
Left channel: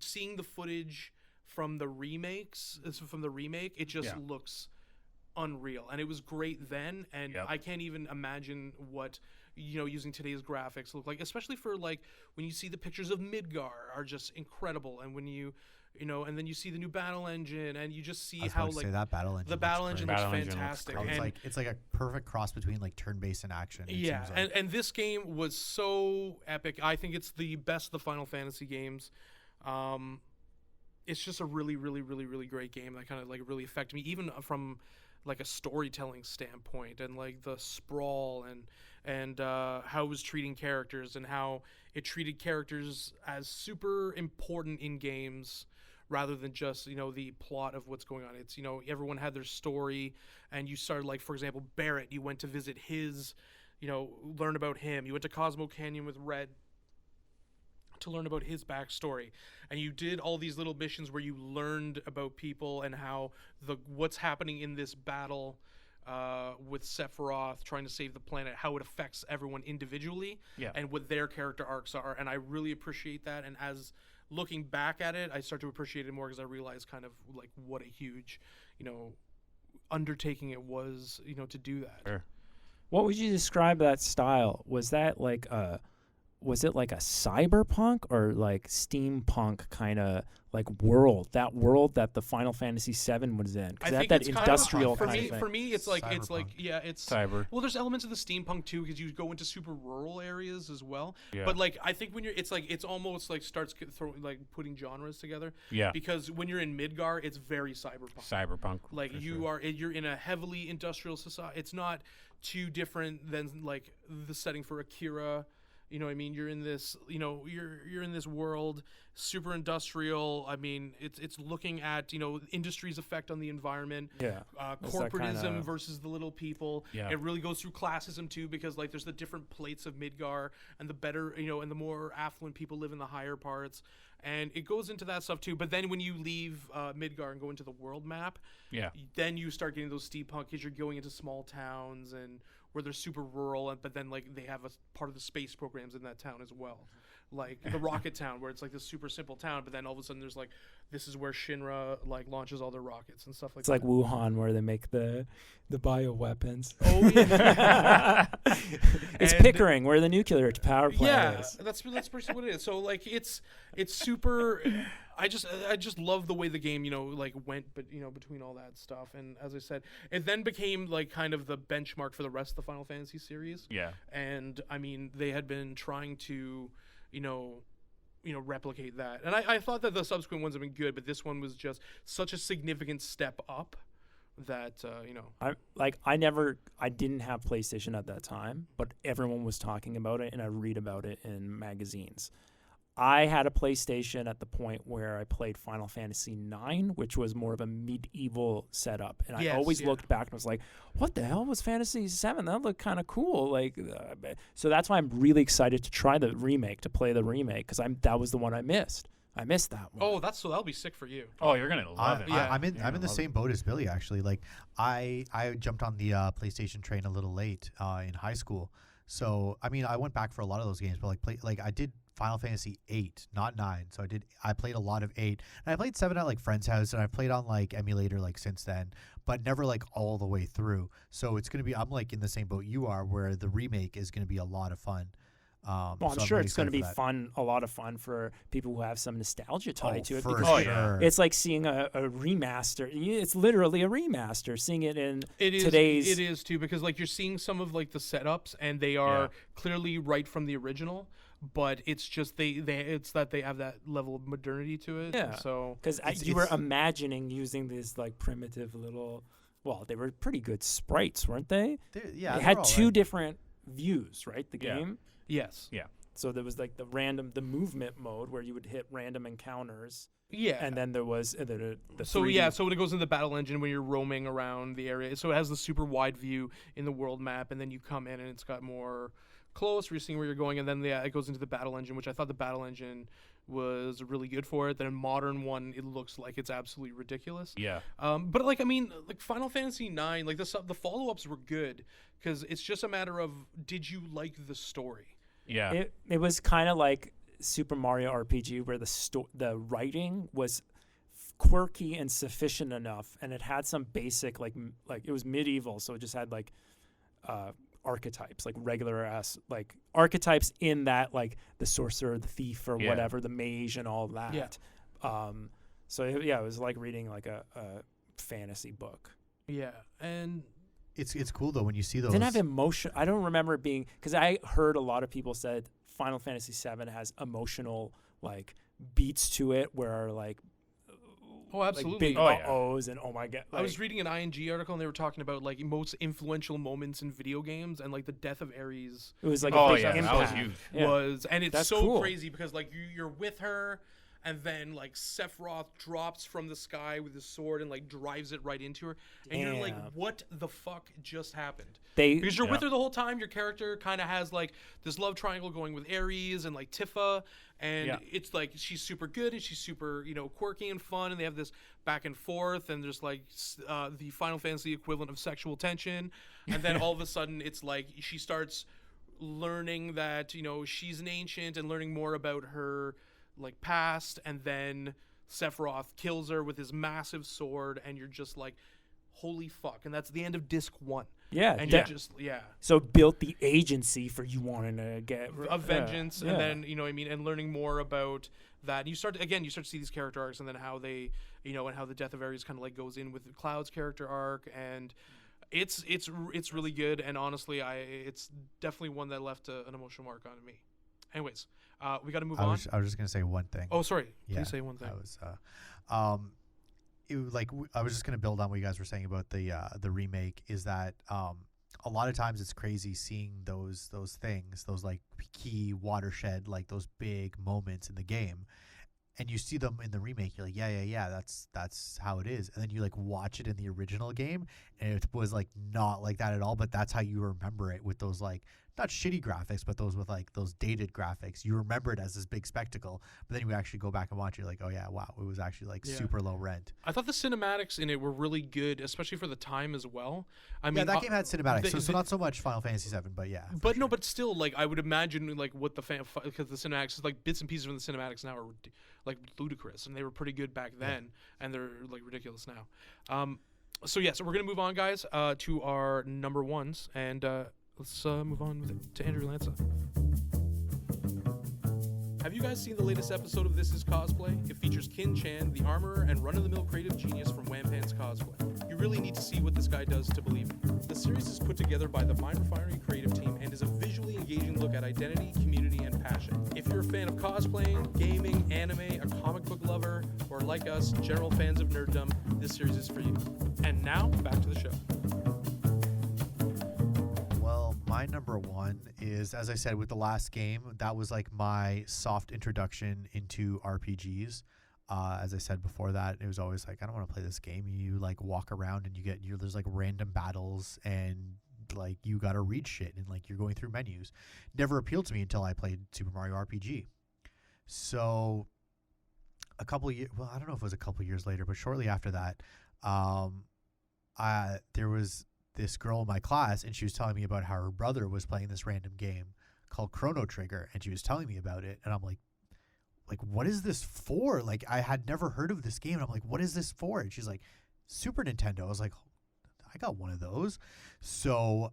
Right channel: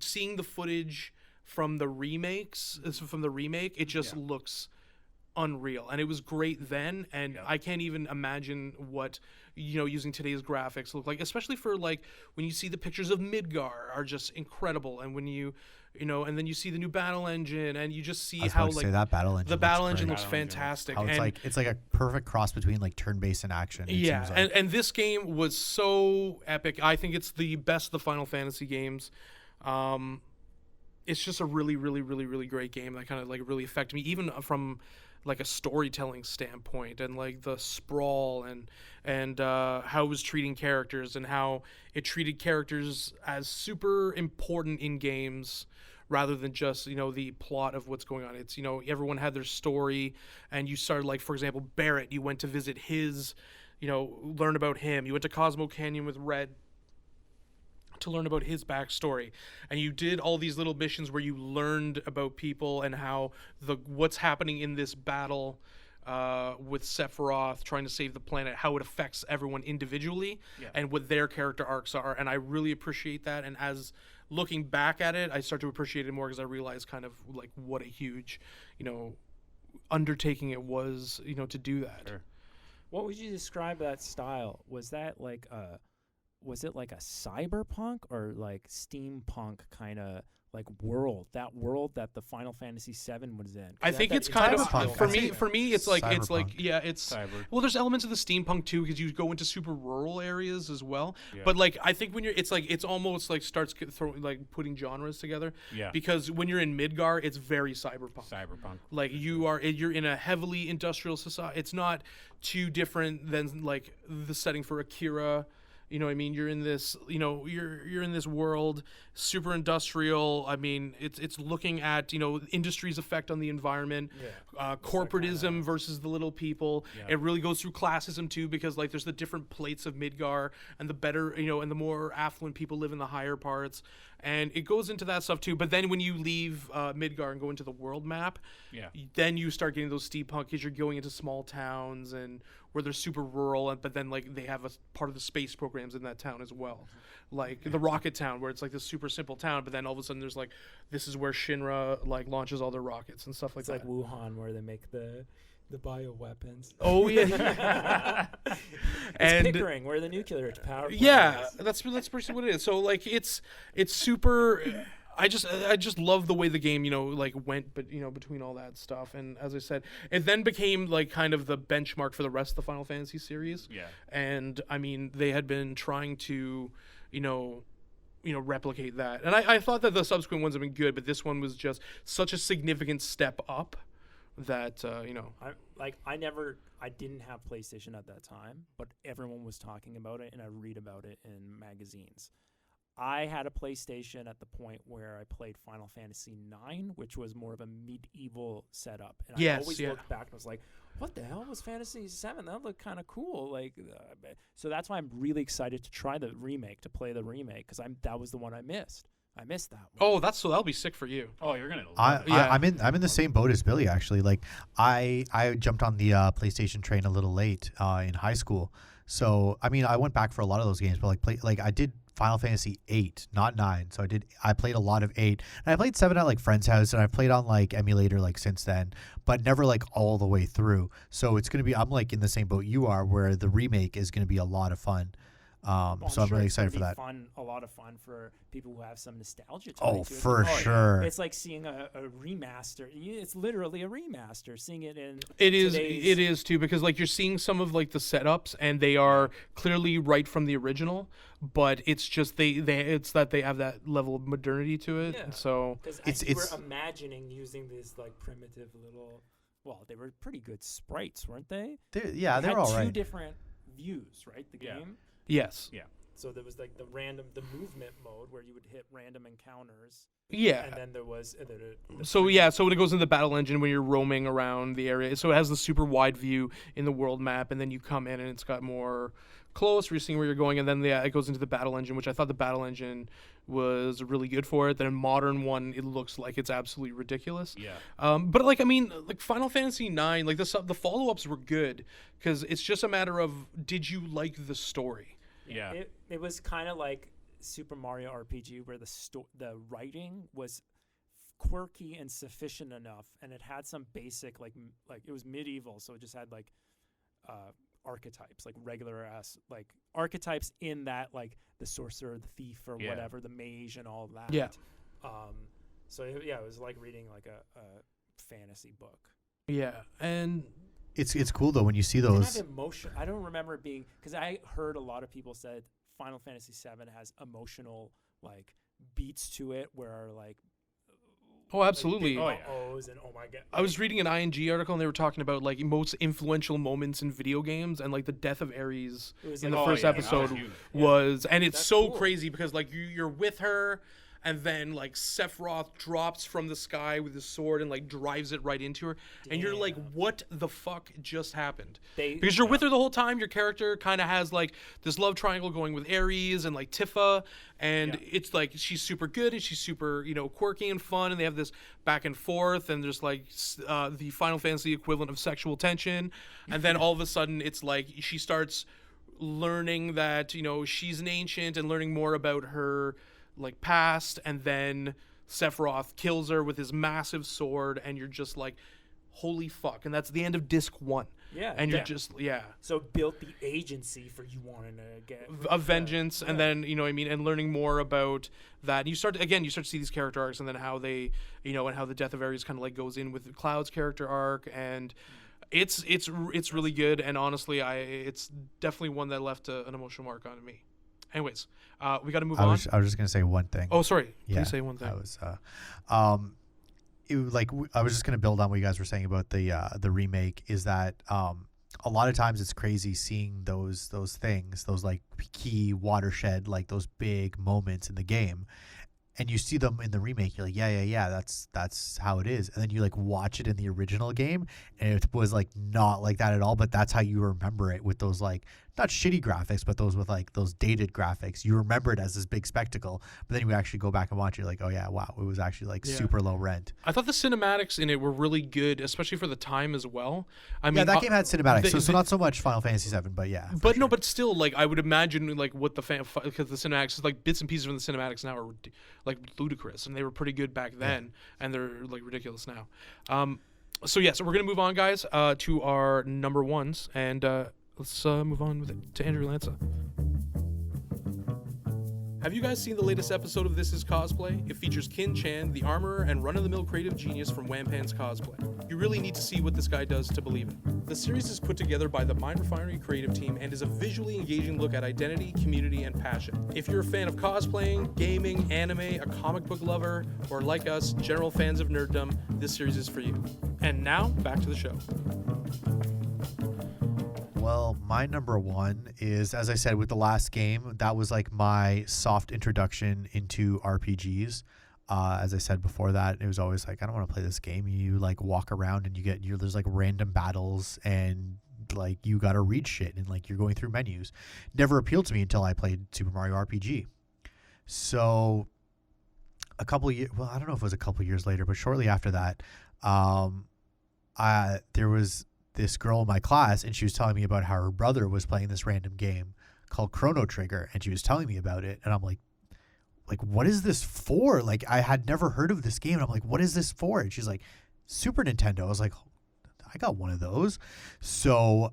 Seeing the footage from the remake, it just looks unreal, and it was great then, and I can't even imagine what using today's graphics look like, especially for like when you see the pictures of Midgar are just incredible, and when and then you see the new battle engine, and you just see how like that battle engine the battle engine looks fantastic, and it's like a perfect cross between like turn-based and action. Yeah, and this game was so epic. I think it's the best of the Final Fantasy games. It's just a really great game that kind of like really affected me, even from like a storytelling standpoint, and like the sprawl and how it was treating characters, and how it treated characters as super important in games rather than just the plot of what's going on. It's everyone had their story, and you started, like, for example, Barrett, you went to visit his, learn about him. You went to Cosmo Canyon with Red to learn about his backstory, and you did all these little missions where you learned about people and how what's happening in this battle with Sephiroth trying to save the planet, how it affects everyone individually, and what their character arcs are. And I really appreciate that, and as looking back at it, I start to appreciate it more, because I realize kind of like what a huge undertaking it was to do that. Sure. What would you describe that style? Was that like was it like a cyberpunk or like steampunk kind of like world? That world that the Final Fantasy VII was in. I think it's kind of for me. It's like Cyberpunk. it's Cyber. Well, there's elements of the steampunk too, because you go into super rural areas as well. Yeah. But like I think when it's almost like starts putting genres together. Yeah. Because when you're in Midgar, it's very cyberpunk. Like you're in a heavily industrial society. It's not too different than like the setting for Akira. You know what I mean? You're in this, you're in this world, super industrial. I mean, it's looking at, industry's effect on the environment, corporatism versus the little people. Yeah. It really goes through classism too, because like there's the different plates of Midgar, and the better, and the more affluent people live in the higher parts. And it goes into that stuff too. But then when you leave Midgar and go into the world map, then you start getting those steampunk, because you're going into small towns and where they're super rural, but then like they have a part of the space programs in that town as well, like the Rocket Town, where it's like this super simple town, but then all of a sudden there's like this is where Shinra like launches all their rockets and stuff like that. It's like Wuhan, where they make the bioweapons. Oh yeah. It's Pickering, where the nuclear power plant is. That's pretty what it is. So like it's super. I just love the way the game, went, but between all that stuff. And as I said, it then became like kind of the benchmark for the rest of the Final Fantasy series. Yeah. And I mean, they had been trying to, replicate that. And I thought that the subsequent ones have been good, but this one was just such a significant step up that, I didn't have PlayStation at that time, but everyone was talking about it, and I read about it in magazines. I had a PlayStation at the point where I played Final Fantasy IX, which was more of a medieval setup. And I always looked back and was like, what the hell was Fantasy VII? That looked kind of cool. So that's why I'm really excited to try the remake, to play the remake, because that was the one I missed. I missed that one. Oh, that'll be sick for you. Oh, you're gonna love it. I'm in the same boat as Billy, actually. Like I jumped on the PlayStation train a little late in high school. So I mean, I went back for a lot of those games, but I did Final Fantasy 8, not 9. So I played a lot of 8. And I played 7 at like friend's house, and I played on like emulator like since then, but never like all the way through. So it's going to be, I'm like in the same boat you are, where the remake is going to be a lot of fun. Well, so I'm sure really it's going to excited be for that. fun, a lot of fun for people who have some nostalgia tied to it. For because sure. It's like seeing a remaster. It's literally a remaster. Seeing it in It is. today's. It is too, because like you're seeing some of like the setups, and they are clearly right from the original, but it's just it's that they have that level of modernity to it. Yeah. So Because you were imagining using these like primitive little. Well, they were pretty good sprites, weren't they? They had two different views, right? The game. yes. Yeah. So there was like the movement mode where you would hit random encounters. Yeah. And then there was the So 3D. so when it goes in the battle engine, when you're roaming around the area, so it has the super wide view in the world map, and then you come in and it's got more close, where you're seeing where you're going, and then it goes into the battle engine, which I thought the battle engine was really good for it. Then a modern one, it looks like it's absolutely ridiculous. Yeah. But like, I mean, like Final Fantasy 9, like the follow-ups were good, because it's just a matter of, did you like the story? Yeah. It was kind of like Super Mario RPG, where the writing was quirky and sufficient enough, and it had some basic like it was medieval, so it just had like archetypes, like regular ass like archetypes in that, like the sorcerer, the thief, or whatever, the mage, and all that. Yeah. So it was like reading like a fantasy book. Yeah, and It's cool though when you see It those. didn't have emotion. I don't remember it being, because I heard a lot of people said Final Fantasy VII has emotional like beats to it, where like absolutely. like big uh-ohs and oh my god. I was reading an ING article, and they were talking about like most influential moments in video games, and like the death of Ares. It was in like the first episode impact. was, and it's That's so cool. crazy, because like you're with her, and then like Sephiroth drops from the sky with his sword and like drives it right into her, and you're like, Damn. what the fuck just happened? They Because you're with her the whole time. Your character kind of has like this love triangle going with Ares and like Tifa, and it's like she's super good and she's super, quirky and fun, and they have this back and forth, and there's like the Final Fantasy equivalent of sexual tension, and then all of a sudden it's like she starts learning that she's an ancient, and learning more about her like past, and then Sephiroth kills her with his massive sword, and you're just like, holy fuck. And that's the end of disc 1. Yeah, and you're just so built the agency for you wanting to get of vengeance, and then what I mean, and learning more about that. And you start to see these character arcs, and then how they and how the death of Ares kind of like goes in with Cloud's character arc, and it's really good. And honestly, it's definitely one that left an emotional mark on me. Anyways, we got to move on. I was just gonna say one thing. Oh, sorry. Please say one thing. I was just gonna build on what you guys were saying about the remake. Is that a lot of times it's crazy seeing those things, those like key watershed, like those big moments in the game, and you see them in the remake. You're like, yeah, that's how it is. And then you like watch it in the original game, and it was like not like that at all. But that's how you remember it, with those like not shitty graphics, but those with like those dated graphics. You remember it as this big spectacle, but then you actually go back and watch it, you're like, oh yeah, wow, it was actually like super low rent. I thought the cinematics in it were really good, especially for the time as well. I mean, that game had cinematics, so not so much Final Fantasy VII, but yeah. But no, but still, like I would imagine, like what because the cinematics, like bits and pieces from the cinematics now are like ludicrous, and they were pretty good back then, and they're like ridiculous now. So we're gonna move on, guys, to our number ones, and let's move on to Andrew Lanca. Have you guys seen the latest episode of This Is Cosplay? It features Kin Chan, the armorer and run-of-the-mill creative genius from Wampan's Cosplay. You really need to see what this guy does to believe it. The series is put together by the Mind Refinery creative team and is a visually engaging look at identity, community, and passion. If you're a fan of cosplaying, gaming, anime, a comic book lover, or like us, general fans of nerddom, this series is for you. And now, back to the show. Well, my number one is, as I said, with the last game, that was like my soft introduction into RPGs. As I said before that, it was always like, I don't want to play this game. You like walk around and there's like random battles, and like you got to read shit, and like you're going through menus. Never appealed to me until I played Super Mario RPG. So a couple of years, well, I don't know if it was a couple of years later, but shortly after that, there was this girl in my class, and she was telling me about how her brother was playing this random game called Chrono Trigger, and she was telling me about it, and I'm like, what is this for? Like, I had never heard of this game, and I'm like, what is this for? And she's like, Super Nintendo. I was like, I got one of those. So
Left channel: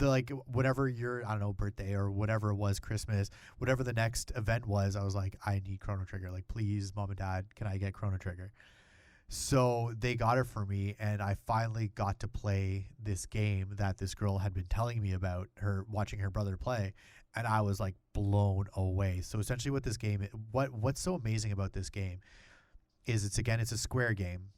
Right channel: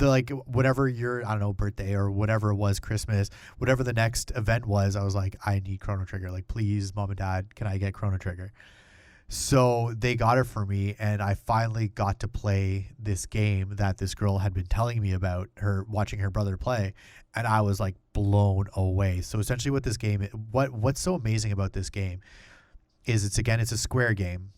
like whatever your, I don't know, birthday or whatever it was, Christmas, whatever the next event was, I was like, I need Chrono Trigger. Like, please, Mom and Dad, can I get Chrono Trigger? So they got it for me, and I finally got to play this game that this girl had been telling me about, her watching her brother play, and I was like blown away. So essentially what this game, what's so amazing about this game is it's a Square game.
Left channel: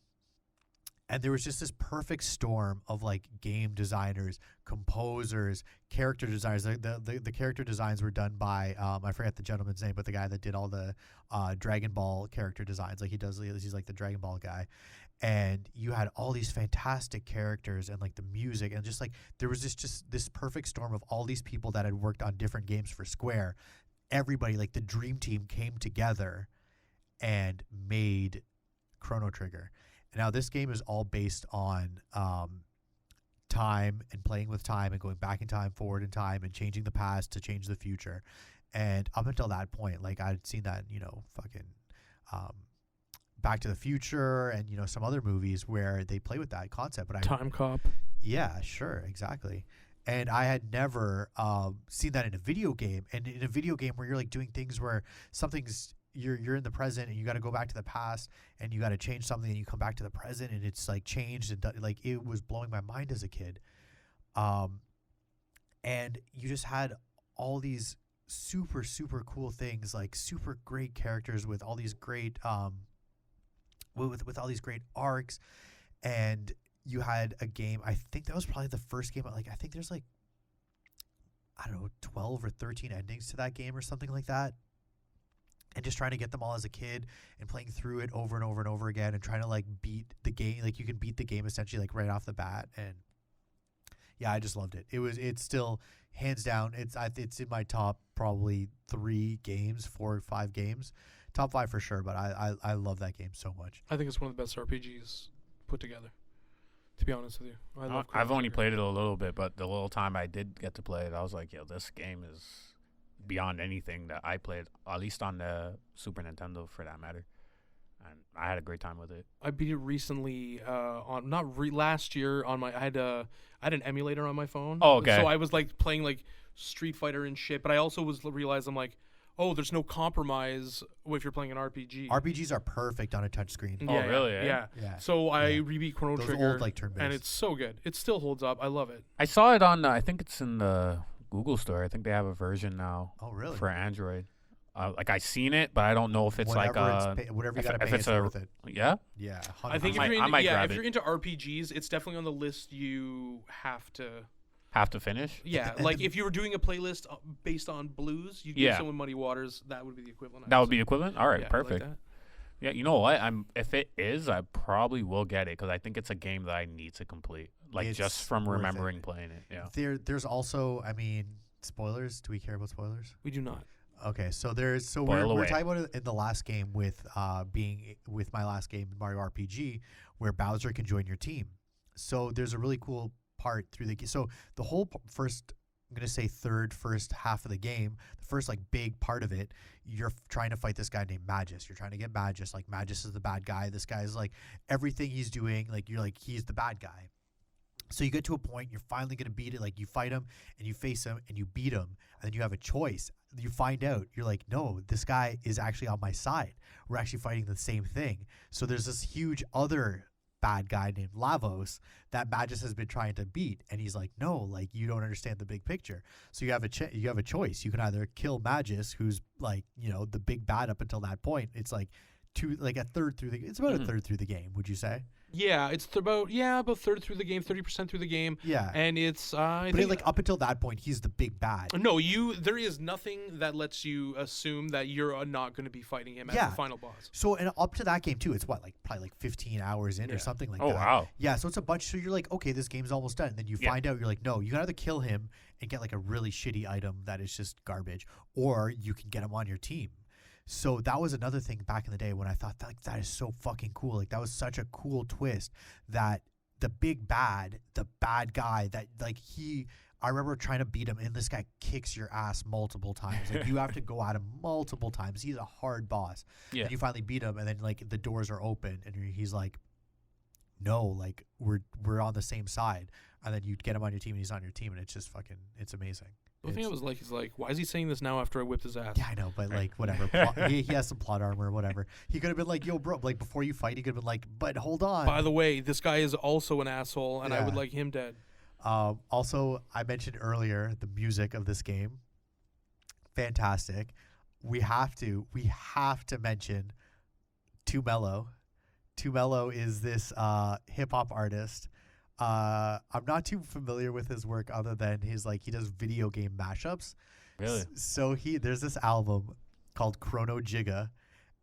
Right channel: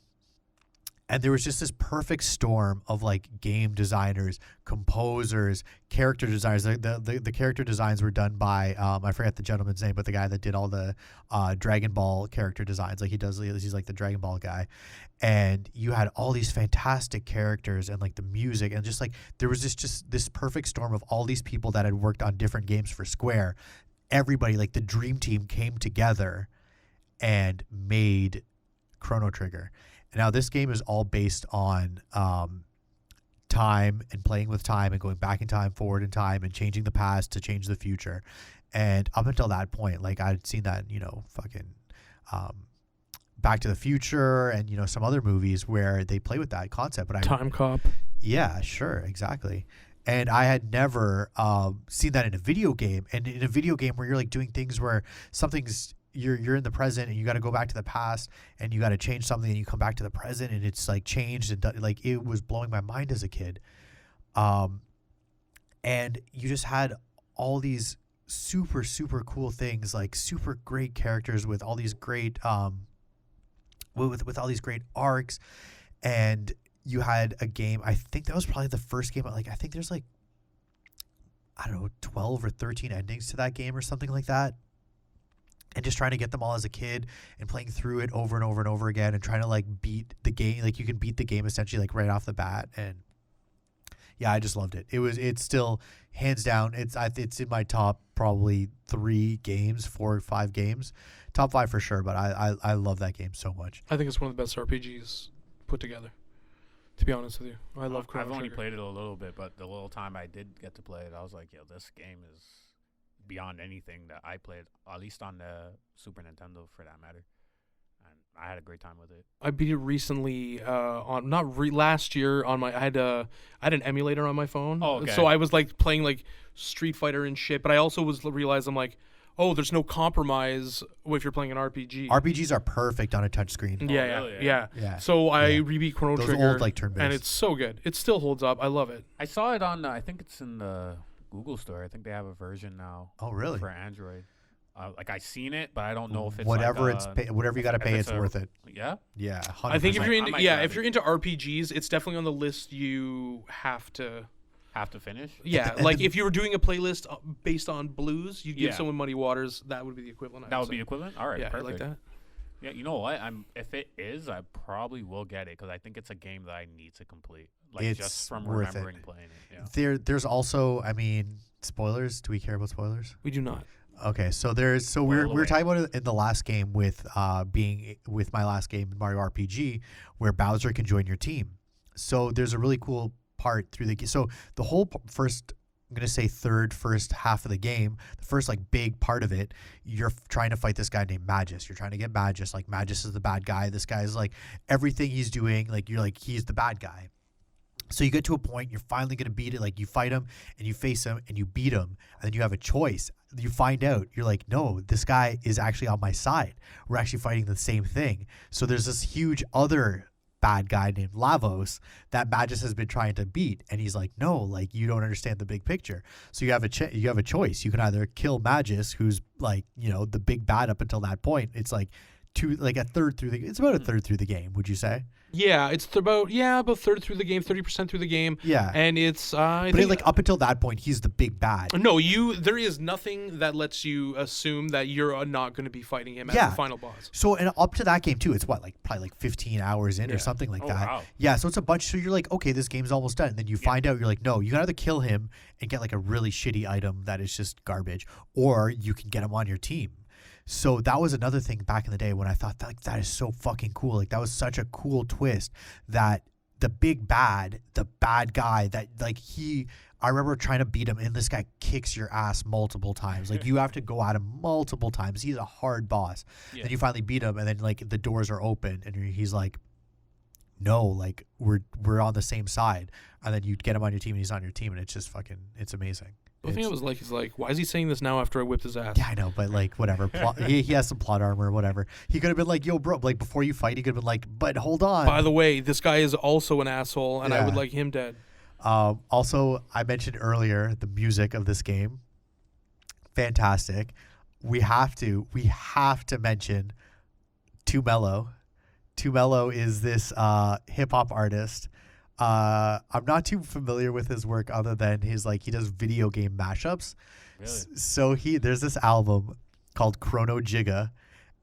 And there was just this perfect storm of like game designers, composers, character designers. The character designs were done by I forget the gentleman's name, but the guy that did all the Dragon Ball character designs. Like he's like the Dragon Ball guy. And you had all these fantastic characters and like the music, and just like there was this perfect storm of all these people that had worked on different games for Square. Everybody, like the dream team, came together and made Chrono Trigger. Now, this game is all based on time and playing with time and going back in time, forward in time, and changing the past to change the future. And up until that point, like I'd seen that, fucking Back to the Future and, some other movies where they play with that concept. But Time Cop. Yeah, sure, exactly. And I had never seen that in a video game. And in a video game where you're like doing things where something's, you're in the present and you got to go back to the past and you got to change something and you come back to the present and it's like changed and like it was blowing my mind as a kid. And you just had all these super, super cool things, like super great characters with all these great, with all these great arcs. And you had a game, I think that was probably the first game, like I think there's like, I don't know, 12 or 13 endings to that game or something like that. And just trying to get them all as a kid and playing through it over and over and over again and trying to like beat the game. Like you can beat the game essentially like right off the bat. And yeah, I just loved it. It's still hands down. It's in my top probably 4 or 5 games, top 5 for sure. But I love that game so much. I think it's one of the best RPGs put together, to be honest with you. I love Chrono I've only Trigger. played it a little bit, but the little time I did get to play it, I was like, yo, this game is beyond anything that I played, at least on the Super Nintendo for that matter. And I had a great time with it. I beat it recently last year on my I had an emulator on my phone. Oh, okay. So I was like playing like Street Fighter and shit, but I also realized I'm like, oh, there's no compromise if you're playing an RPG. RPGs are perfect on a touchscreen. Yeah, really? yeah. Yeah. So I rebeat Chrono Those Trigger, old, like, turn-based. and it's so good. It still holds up. I love it. I saw it on, I think it's in the Google store. I think they have a version now. Oh, really? For Android. Like I seen it, but I don't know if it's whatever like whatever you got to pay, it's worth it. Yeah. Yeah, 100%. I think if you're I might grab if you're into RPGs, it's definitely on the list. You have to finish. Yeah, like if you were doing a playlist based on blues, you'd give Yeah. someone Muddy Waters. That would be the equivalent. That would be equivalent. All right, yeah, perfect. I like that. Yeah, you know what? If it is, I probably will get it because I think it's a game that I need to complete. Like It's just from worth remembering it. playing it. Yeah. There's also, I mean, spoilers. Do we care about spoilers? We do not. Okay, so we're away. talking about it in the last game with my last game, Mario RPG, where Bowser can join your team. So there's a really cool part through the game. So the whole first half of the game, the first like big part of it, you're trying to fight this guy named Magus. You're trying to get Magus. Like Magus is the bad guy. This guy's like everything he's doing, like you're like he's the bad guy. So you get to a point, you're finally going to beat it. Like you fight him and you face him and you beat him. And then you have a choice. You find out, you're like, no, this guy is actually on my side. We're actually fighting the same thing. So there's this huge other bad guy named Lavos that Magus has been trying to beat. And he's like, no, like you don't understand the big picture. So you have a choice. You can either kill Magus, who's like, the big bad up until that point. It's like a third through it's about a third through the game, would you say? Yeah, it's about third through the game, 30% through the game. Yeah, and it's I but think like up until that point, he's the big bad. No, there is nothing that lets you assume that you're not going to be fighting him as the final boss. So and up to that game too, it's probably like 15 hours in or something like that. Wow. Yeah, so it's a bunch. So you're like, okay, this game's almost done. And then you find out, you're like, no, you can either kill him and get like a really shitty item that is just garbage, or you can get him on your team. So that was another thing back in the day when I thought that is so fucking cool. Like that was such a cool twist that the big bad, the bad guy that like he I remember trying to beat him, and this guy kicks your ass multiple times. Like, you have to go at him multiple times. He's a hard boss. Yeah. And you finally beat him, and then, like, the doors are open, and he's like, no, like, we're on the same side. And then you get him on your team, and he's on your team, and it's just fucking, it's amazing. The thing I was like, he's like, why is he saying this now after I whipped his ass? Yeah, I know, but, like, whatever. He has some plot armor or whatever. He could have been like, yo, bro, like, before you fight, he could have been like, but hold on. By the way, this guy is also an asshole, and I would Yeah. like him dead. Also, I mentioned earlier the music of this game. Fantastic. We have to mention Too Mellow. Too Mellow is this hip hop artist. I'm not too familiar with his work other than he does video game mashups. Really? So there's this album called Chrono Jigga,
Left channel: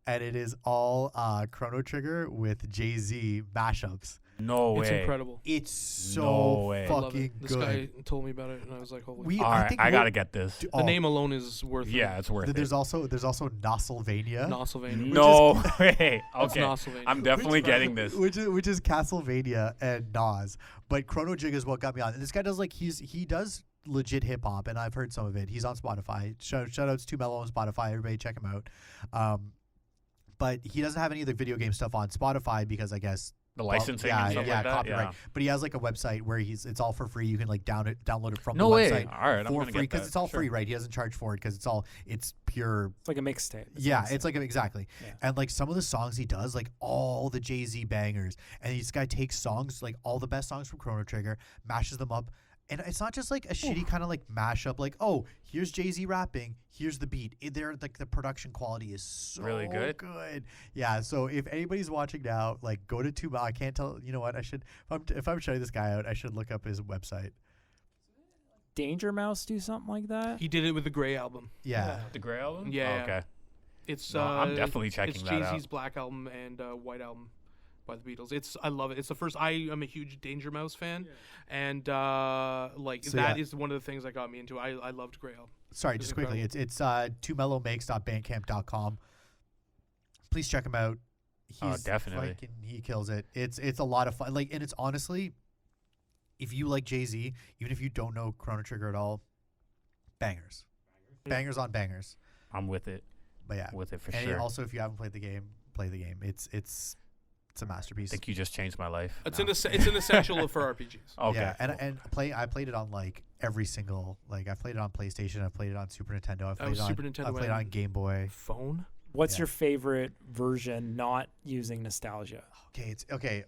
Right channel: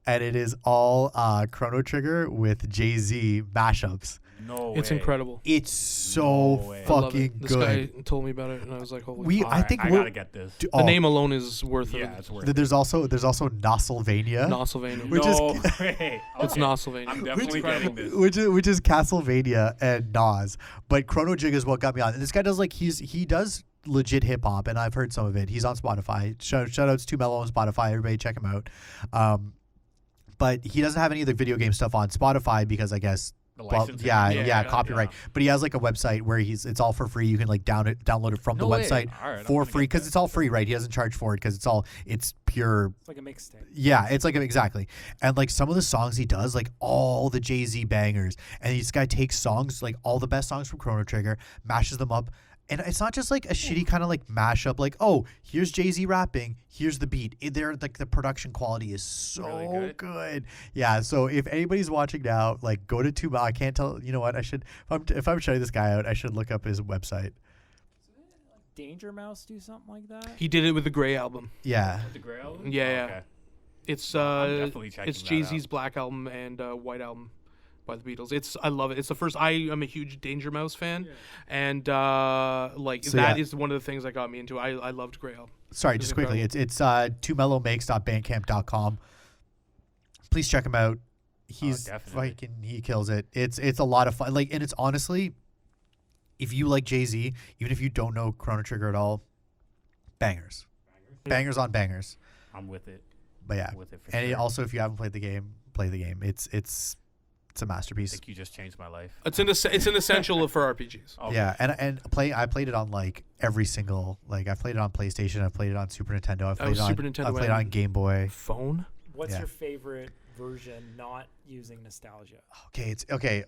and it is all Chrono Trigger with Jay-Z mashups. No way. It's incredible. It's so No way. I love fucking it. This good. guy told me about it, and I was like, holy We- fuck. I think I we're- gotta get this. The name alone is worth it. Yeah, it's worth it. There's also Nosylvania. Nosylvania. Which No is- way. It's Okay. Nosylvania. I'm definitely getting this. which is Castlevania and Nas, but Chrono Jig is what got me on. And this guy does he does legit hip hop, and I've heard some of it. He's on Spotify. Shout outs to Mello on Spotify. Everybody check him out. But he doesn't have any of the video game stuff on Spotify because I guess The licensing. copyright. But he has like a website where it's all for free. You can like download it from No the way. website All right, I'm for gonna free get because that. it's all Sure. free, right? He doesn't charge for it because it's pure. It's like a mixtape. Yeah, it's like exactly. And like some of the songs he does, like all the Jay-Z bangers, and this guy takes songs, like all the best songs from Chrono Trigger, mashes them up. And it's not just like a shitty kind of like mashup, like, oh, here's Jay-Z rapping, here's the beat. Like the production quality is so Really good? Yeah, so if anybody's watching now, like go to Tuba. I can't tell, you know what? I should, if I'm showing this guy out, I should look up his website. Danger Mouse do something like that? He did it with the Gray album. Yeah. With the Gray album? Yeah, yeah. Okay. It's I'm definitely checking it's that Jay-Z's out. Black album and White album by the Beatles. I love it. It's the first. I am a huge Danger Mouse fan, and that is one of the things that got me into it. I loved Gray album. Sorry, It's just quickly. It's 2mellowmakes.bandcamp.com. Please check him out. He's definitely. he kills it. It's a lot of fun. Like, and it's honestly, if you like Jay-Z, even if you don't know Chrono Trigger at all, bangers. Bangers on bangers. I'm with it. But yeah. With it for And sure. also, if you haven't played the game, play the game. It's a I masterpiece. think you just changed my life. It's an essential for RPGs. Okay. Yeah, I played it on like every single, like I played it on PlayStation, I played it on Super Nintendo, I played I played it on Game Boy. Phone. What's Yeah. your favorite version not using nostalgia? Okay.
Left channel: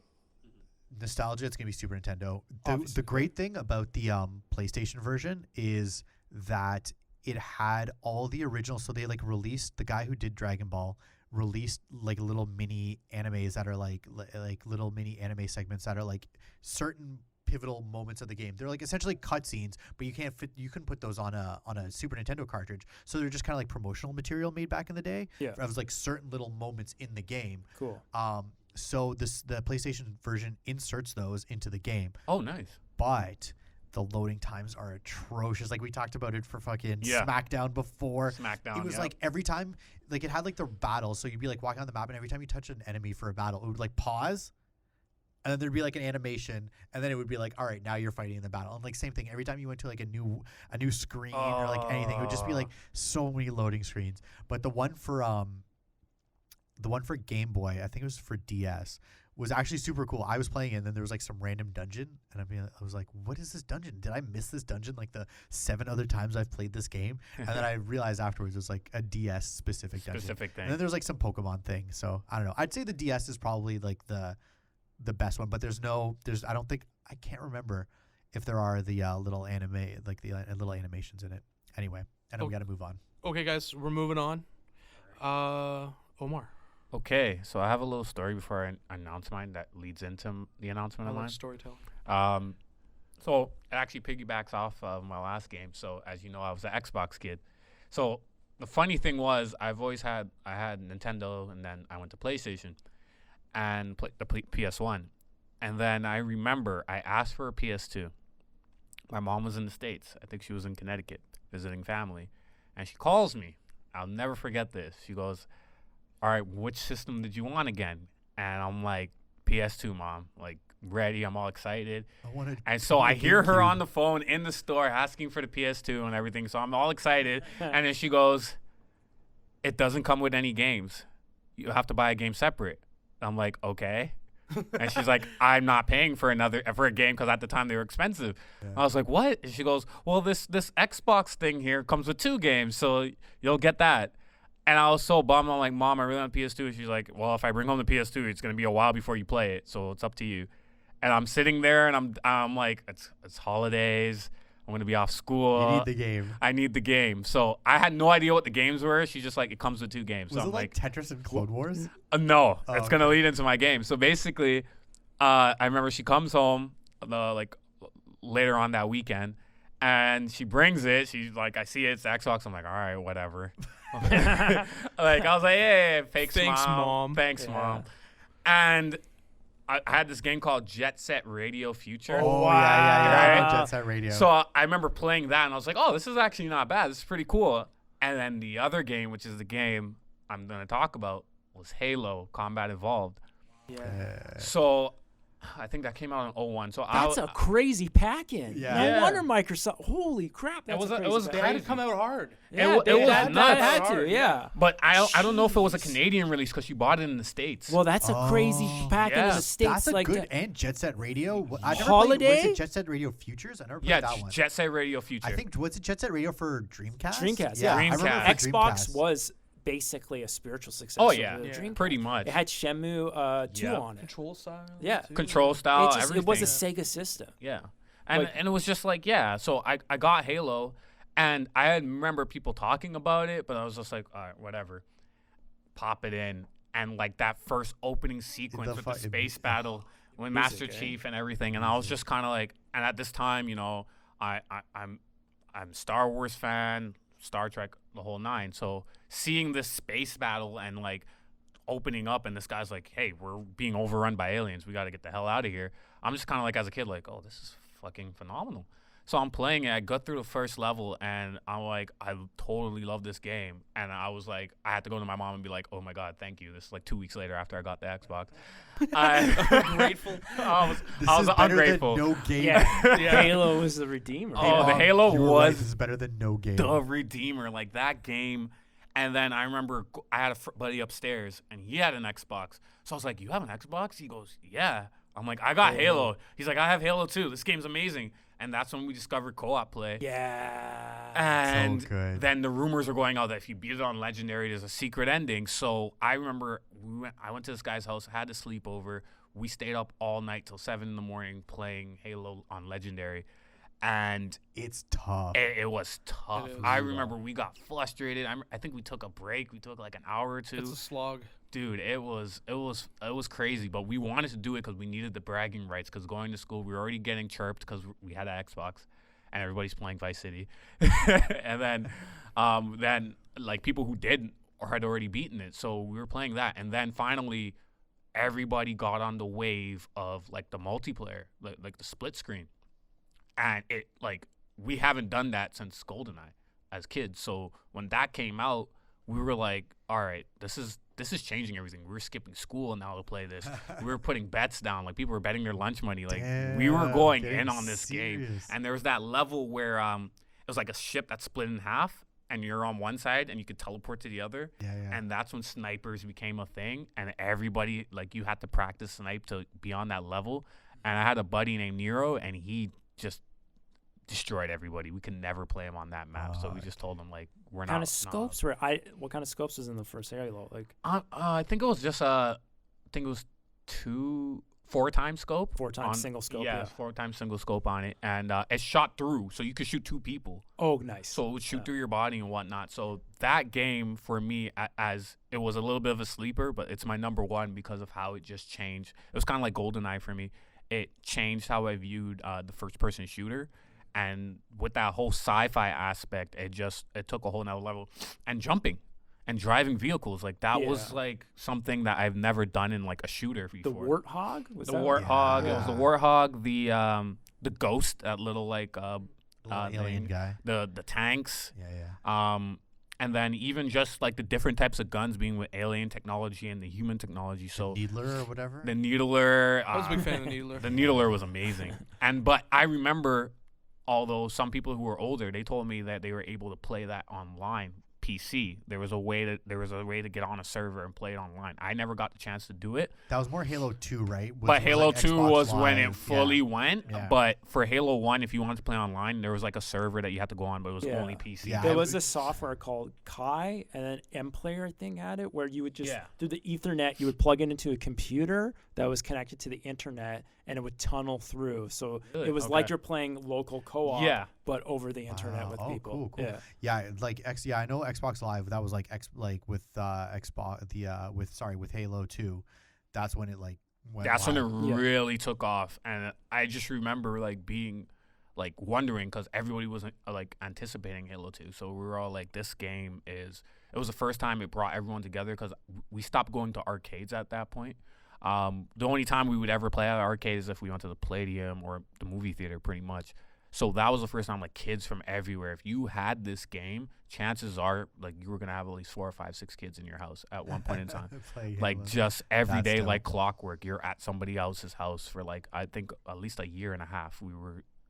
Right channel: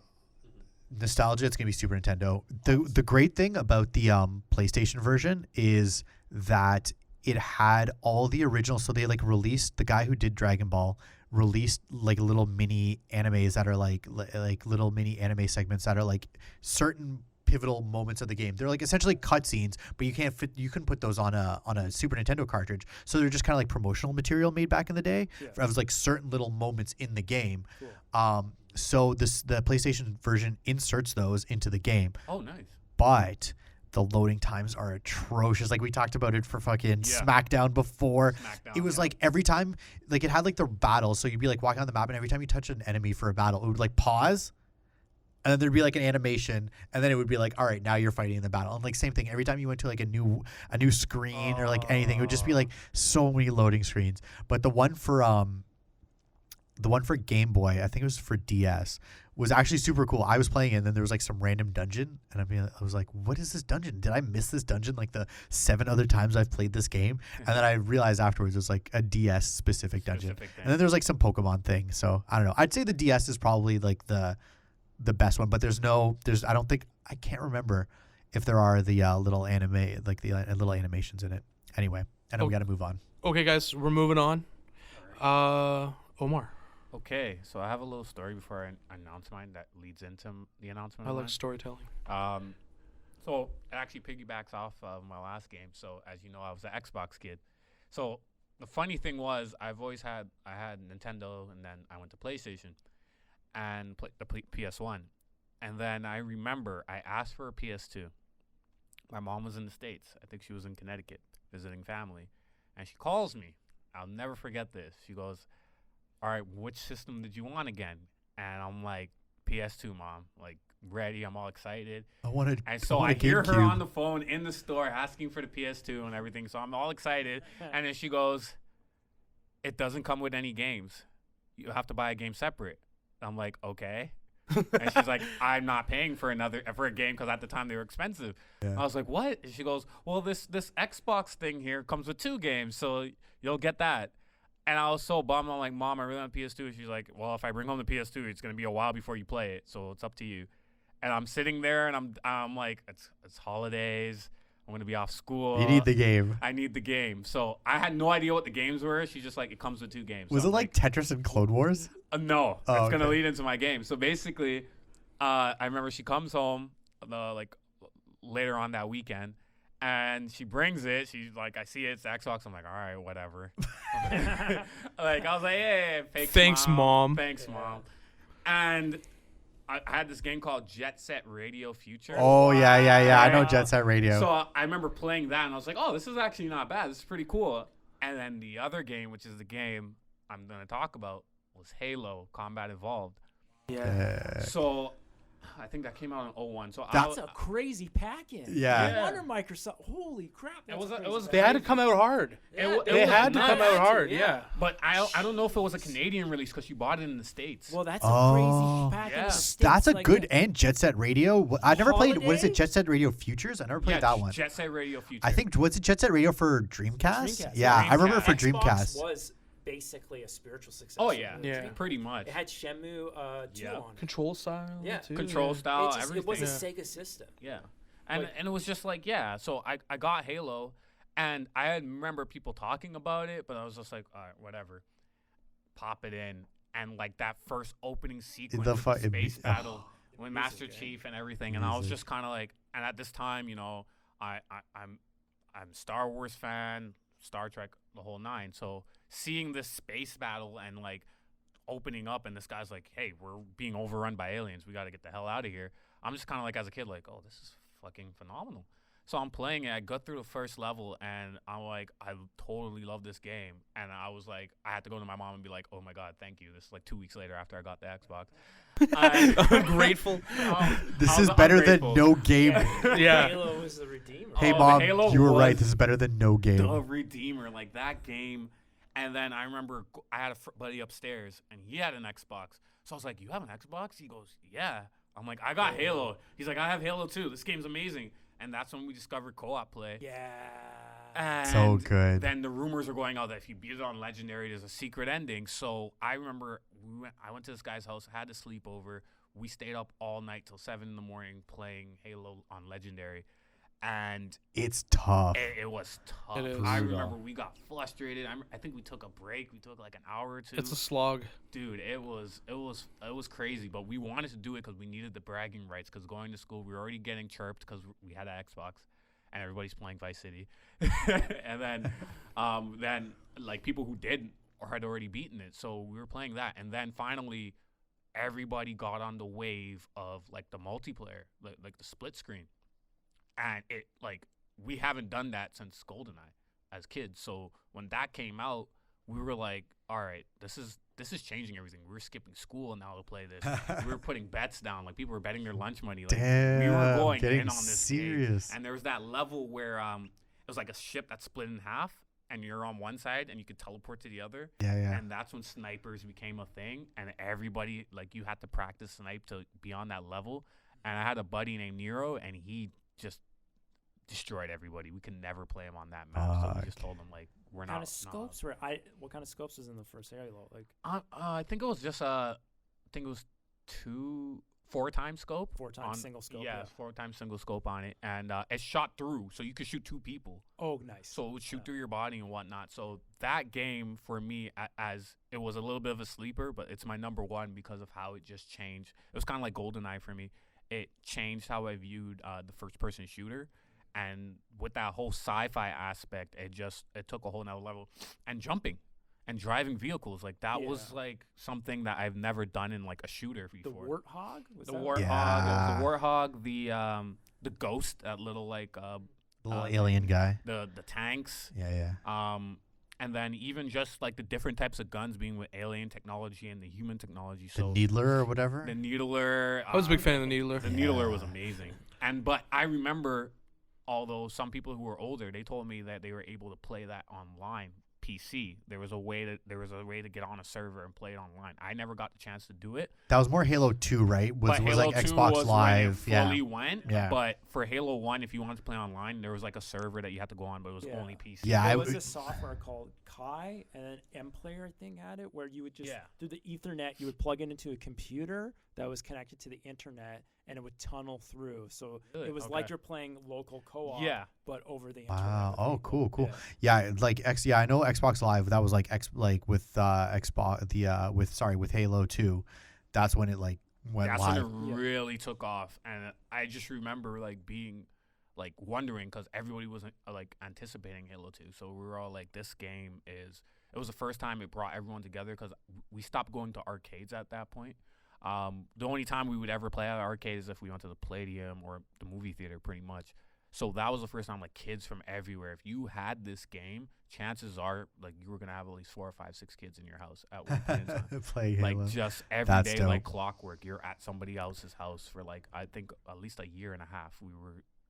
Nostalgia, it's gonna be Super Nintendo. Obviously. The great thing about the PlayStation version is that it had all the original. So they like released, the guy who did Dragon Ball released like little mini animes that are like little mini anime segments that are like certain pivotal moments of the game. They're like essentially cutscenes, but you couldn't put those on a Super Nintendo cartridge. So they're just kind of like promotional material made back in the day. Yeah. It was like certain little moments in the game. Cool. So the PlayStation version inserts those into the game, Oh, nice. but the loading times are atrocious. Like we talked about it for fucking Yeah. SmackDown before. SmackDown. It was yeah. like every time, like it had like the battles. So you'd be like walking on the map, and every time you touch an enemy for a battle, it would like pause, and then there'd be like an animation, and then it would be like, all right, now you're fighting in the battle. And like same thing, every time you went to like a new screen or like anything, it would just be like so many loading screens. But the one for Game Boy, I think it was for DS, was actually super cool. I was playing it, and then there was like some random dungeon, and I was like, what is this dungeon? Did I miss this dungeon like the 7 other times I've played this game? And then I realized afterwards it was like a DS specific dungeon. Specific thing. And then there's like some Pokemon thing. So I don't know. I'd say the DS is probably like the best one, but I can't remember if there are the little anime, like the little animations in it. Anyway, I know we got to move on. Okay, guys, we're moving on. Omar, Okay, so I have a little story before I announce mine that leads into the announcement. I of like mine. storytelling. So it actually piggybacks off of my last game. So as you know, I was an Xbox kid. So the funny thing was, I had Nintendo, and then I went to PlayStation and the PS1. And then I remember I asked for a PS2. My mom was in the States. I think she was in Connecticut visiting family. And she calls me. I'll never forget this. She goes, all right, which system did you want again? And I'm like, PS2, mom. Like, ready. I'm all excited. And so I I hear her on the phone in the store asking for the PS2 and everything. So I'm all excited. And then she goes, it doesn't come with any games. You have to buy a game separate. I'm like, okay. And she's like, I'm not paying for a game because at the time they were expensive. Yeah. I was like, what? And she goes, well, this Xbox thing here comes with 2 games, so you'll get that. And I was so bummed. I'm like, Mom, I really want PS2. She's like, well, if I bring home the PS2, it's gonna be a while before you play it, so it's up to you. And I'm sitting there and I'm like, it's holidays. I'm going to be off school. You need the game. I need the game. So I had no idea what the games were. She's just like, it comes with 2 games. Was so it like Tetris and Clone Wars? No. Oh, it's going to lead into my game. So basically, I remember she comes home later on that weekend. And she brings it. She's like, I see it's Xbox. I'm like, all right, whatever. I was like, hey, Thanks, Mom. Thanks, Mom. And I had this game called Jet Set Radio Future. Oh, yeah. I know Right? Jet Set Radio. So I remember playing that, and I was like, oh, this is actually not bad. This is pretty cool. And then the other game, which is the game I'm going to talk about, was Halo Combat Evolved. Yeah. So I think that came out in 01. So That's a crazy pack-in. Yeah. No wonder Microsoft. Holy crap! That's was a a- crazy it was- They had to come out hard. Yeah, They had to come out hard, Yeah. But I don't know if it was a Canadian release because you bought it in the States. Well, that's a crazy pack-in in Yeah. the States. That's a like good that. and Jet Set Radio. I never played. Was Holiday? it Jet Set Radio Futures? I never played that one. Jet Set Radio Future. I think was it Jet Set Radio for Dreamcast? Dreamcast, Yeah, yeah. I remember for Dreamcast. Xbox Dreamcast. was basically a spiritual success. Oh of yeah, the Yeah. Dreamcast. pretty much. It had Shenmue 2 Yeah. on it. Control style. Yeah. too, Control style. It was a everything. Sega system. Yeah. And Like- and it was just like, yeah. So I got Halo, and I remember people talking about it, but I was just like, all right, whatever. Pop it in, and like that first opening sequence with the fucking space battle with Music, Master eh? Chief and everything, and I was just kind of like, and at this time, I'm Star Wars fan, Star Trek, the whole 9. So seeing this space battle and like opening up, and this guy's like, hey, we're being overrun by aliens. We got to get the hell out of here. I'm just kind of like, as a kid, like, oh, this is fucking phenomenal. So I'm playing it. I got through the first level, and I'm like, I totally love this game. And I was like, I had to go to my mom and be like, oh my God, thank you. This is like 2 weeks later after I got the Xbox. Grateful. This I is was better ungrateful. than no game. Yeah. Halo was the redeemer. Hey Oh, the mom, Halo you were right. was This is better than no game. The Redeemer, like that game. And then I remember I had a buddy upstairs, and he had an Xbox. So I was like, you have an Xbox? He goes, yeah. I'm like, I got Halo. He's like, I have Halo too. This game's amazing. And that's when we discovered co-op play. Yeah. And So good. then the rumors were going out that if you beat it on Legendary, there's a secret ending. So I remember I went to this guy's house, had a sleepover. We stayed up all night till 7 in the morning playing Halo on Legendary. And It's tough. it was tough. It is. I remember we got frustrated. I think we took a break. We took like an hour or 2. It's a slog. Dude, it was crazy. But we wanted to do it because we needed the bragging rights. Because going to school, we were already getting chirped because we had an Xbox, and everybody's playing Vice City. And then like people who didn't or had already beaten it, so we were playing that. And then finally, everybody got on the wave of like the multiplayer, like the split screen. And it like we haven't done that since GoldenEye as kids. So when that came out, we were like, all right, this is changing everything. We were skipping school now to play this. We were putting bets down. Like people were betting their lunch money. Like we were Damn, going getting in on this game. serious. And there was that level where it was like a ship that's split in half, and you're on one side and you could teleport to the other. Yeah. And that's when snipers became a thing, and everybody, like, you had to practice snipe to be on that level. And I had a buddy named Nero, and he just destroyed everybody. We could never play him on that map, so we just told him, like, we're What not. kind of scopes were what kind of scopes was in the first Halo? Like I think it was just 4x scope. 4 times single scope. Yeah. 4x single scope on it, and it shot through, so you could shoot 2 people. Oh, nice. So it would shoot Yeah. through your body and whatnot. So that game for me, as it was a little bit of a sleeper, but it's my number 1 because of how it just changed. It was kind of like GoldenEye for me. It changed how I viewed the first-person shooter, and with that whole sci-fi aspect, it took a whole nother level. And jumping and driving vehicles, like that was Yeah. like something that I've never done in like a shooter The before. Warthog? Was The that Warthog. It was Yeah. the Warthog. The Ghost, that little like Little alien guy. the tanks. Yeah. And then even just like the different types of guns being with alien technology and the human technology. So the Needler or whatever. the Needler. I was a big fan of the Needler. The Needler was amazing. But I remember, although some people who were older, they told me that they were able to play that online PC. There was a way to get on a server and play it online. I never got the chance to do it. That was more Halo 2, right? But Halo 2 Xbox was Live. when it fully went. Yeah. But for Halo 1, if you wanted to play online, there was like a server that you had to go on, but it was only PC. Yeah, There was a software called Kai, and then M-Player thing had it, where you would just through the Ethernet, you would plug it into a computer that was connected to the internet, and it would tunnel through. So it was like you're playing local co-op, but over the internet with people. Cool. Yeah, like I know Xbox Live. That was like with with Halo 2. That's when it like went That's live. when it really took off, and I just remember like being like wondering because everybody was like anticipating Halo 2. So we were all like, this game is. It was the first time it brought everyone together because we stopped going to arcades at that point. The only time we would ever play at arcades is if we went to the Palladium or the movie theater, pretty much. So that was the first time like kids from everywhere. If you had this game, chances are like you were gonna have at least 4 or 5, 6 kids in your house at one point in time. Like just every day, like clockwork. You're at somebody else's house for like I think at least a year and a half.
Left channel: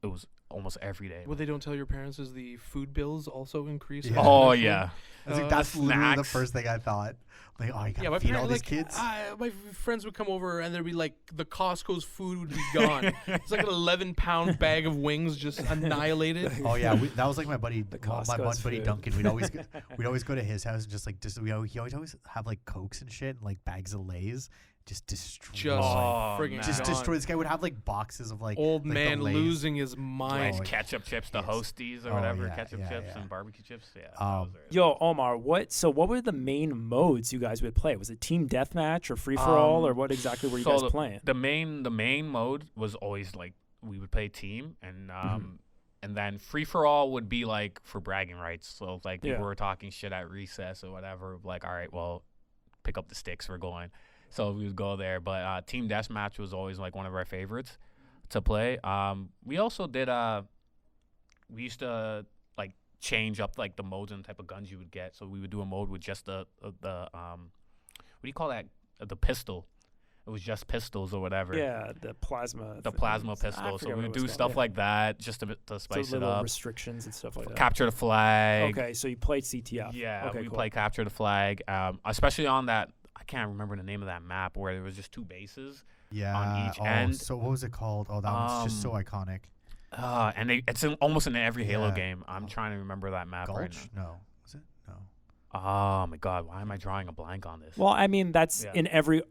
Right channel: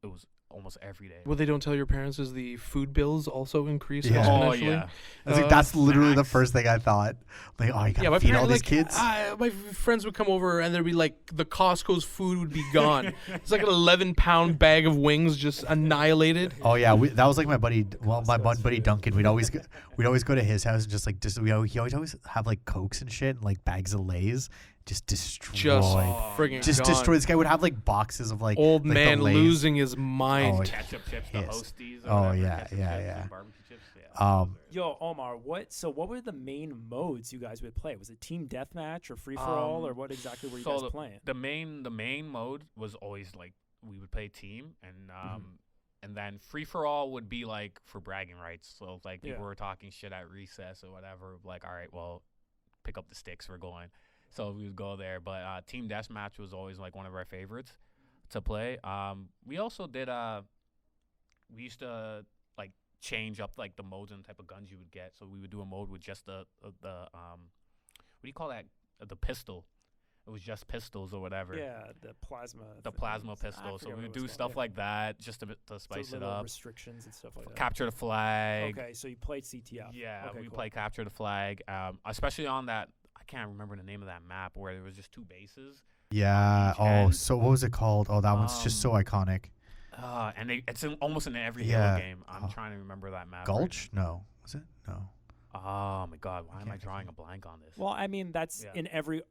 It was almost every day. What they don't tell your parents is the food bills also increase. Yeah. Oh yeah, I was like, that's literally the snacks. first thing I thought. Like, oh, you gotta my feed parents, all these like, kids. my friends would come over and there'd be like the Costco's food would be gone. It's like an 11-pound bag of wings just annihilated. Oh yeah, that was like my buddy, my Costco's buddy food. Duncan. We'd always go to his house and just like he always have like Cokes and shit and like bags of Lay's. Just destroy. Friggin' Just gone. destroy. This guy would have like boxes of like Old like, the man Lay's. losing his mind. Oh, Ketchup chips, the Yes. Hosties or Oh, whatever. yeah, Ketchup yeah, chips yeah. and barbecue chips. Yeah. Yo, Omar, what were the main modes you guys would play? Was it team deathmatch or free for all, or what exactly were you guys playing? The main mode was always like we would play team and then free for all would be like for bragging rights. So like people were talking shit at recess or whatever, like all right, well, pick up the sticks, we're going. So we would go there, but team deathmatch was always like one of our favorites to play. We also did we used to like change up like the modes and the type of guns you would get. So we would do a mode with just the what do you call that? The pistol. It was just pistols or whatever. Yeah, the plasma. The plasma pistol. So we would do stuff like that just to spice so it little up. restrictions and stuff like that. Capture the flag. Okay, so you played CTF. Yeah, okay, we cool. play capture the flag. Especially on that. I can't remember the name of that map where there was just 2 bases. Yeah. each Oh, end. so what was it called? Oh, that one's just so iconic. And it's almost in every Halo Yeah. game. I'm trying to remember that map. Gulch? No. Was it? No. Oh my God! Why am I drawing a blank on this? Well, I mean that's in every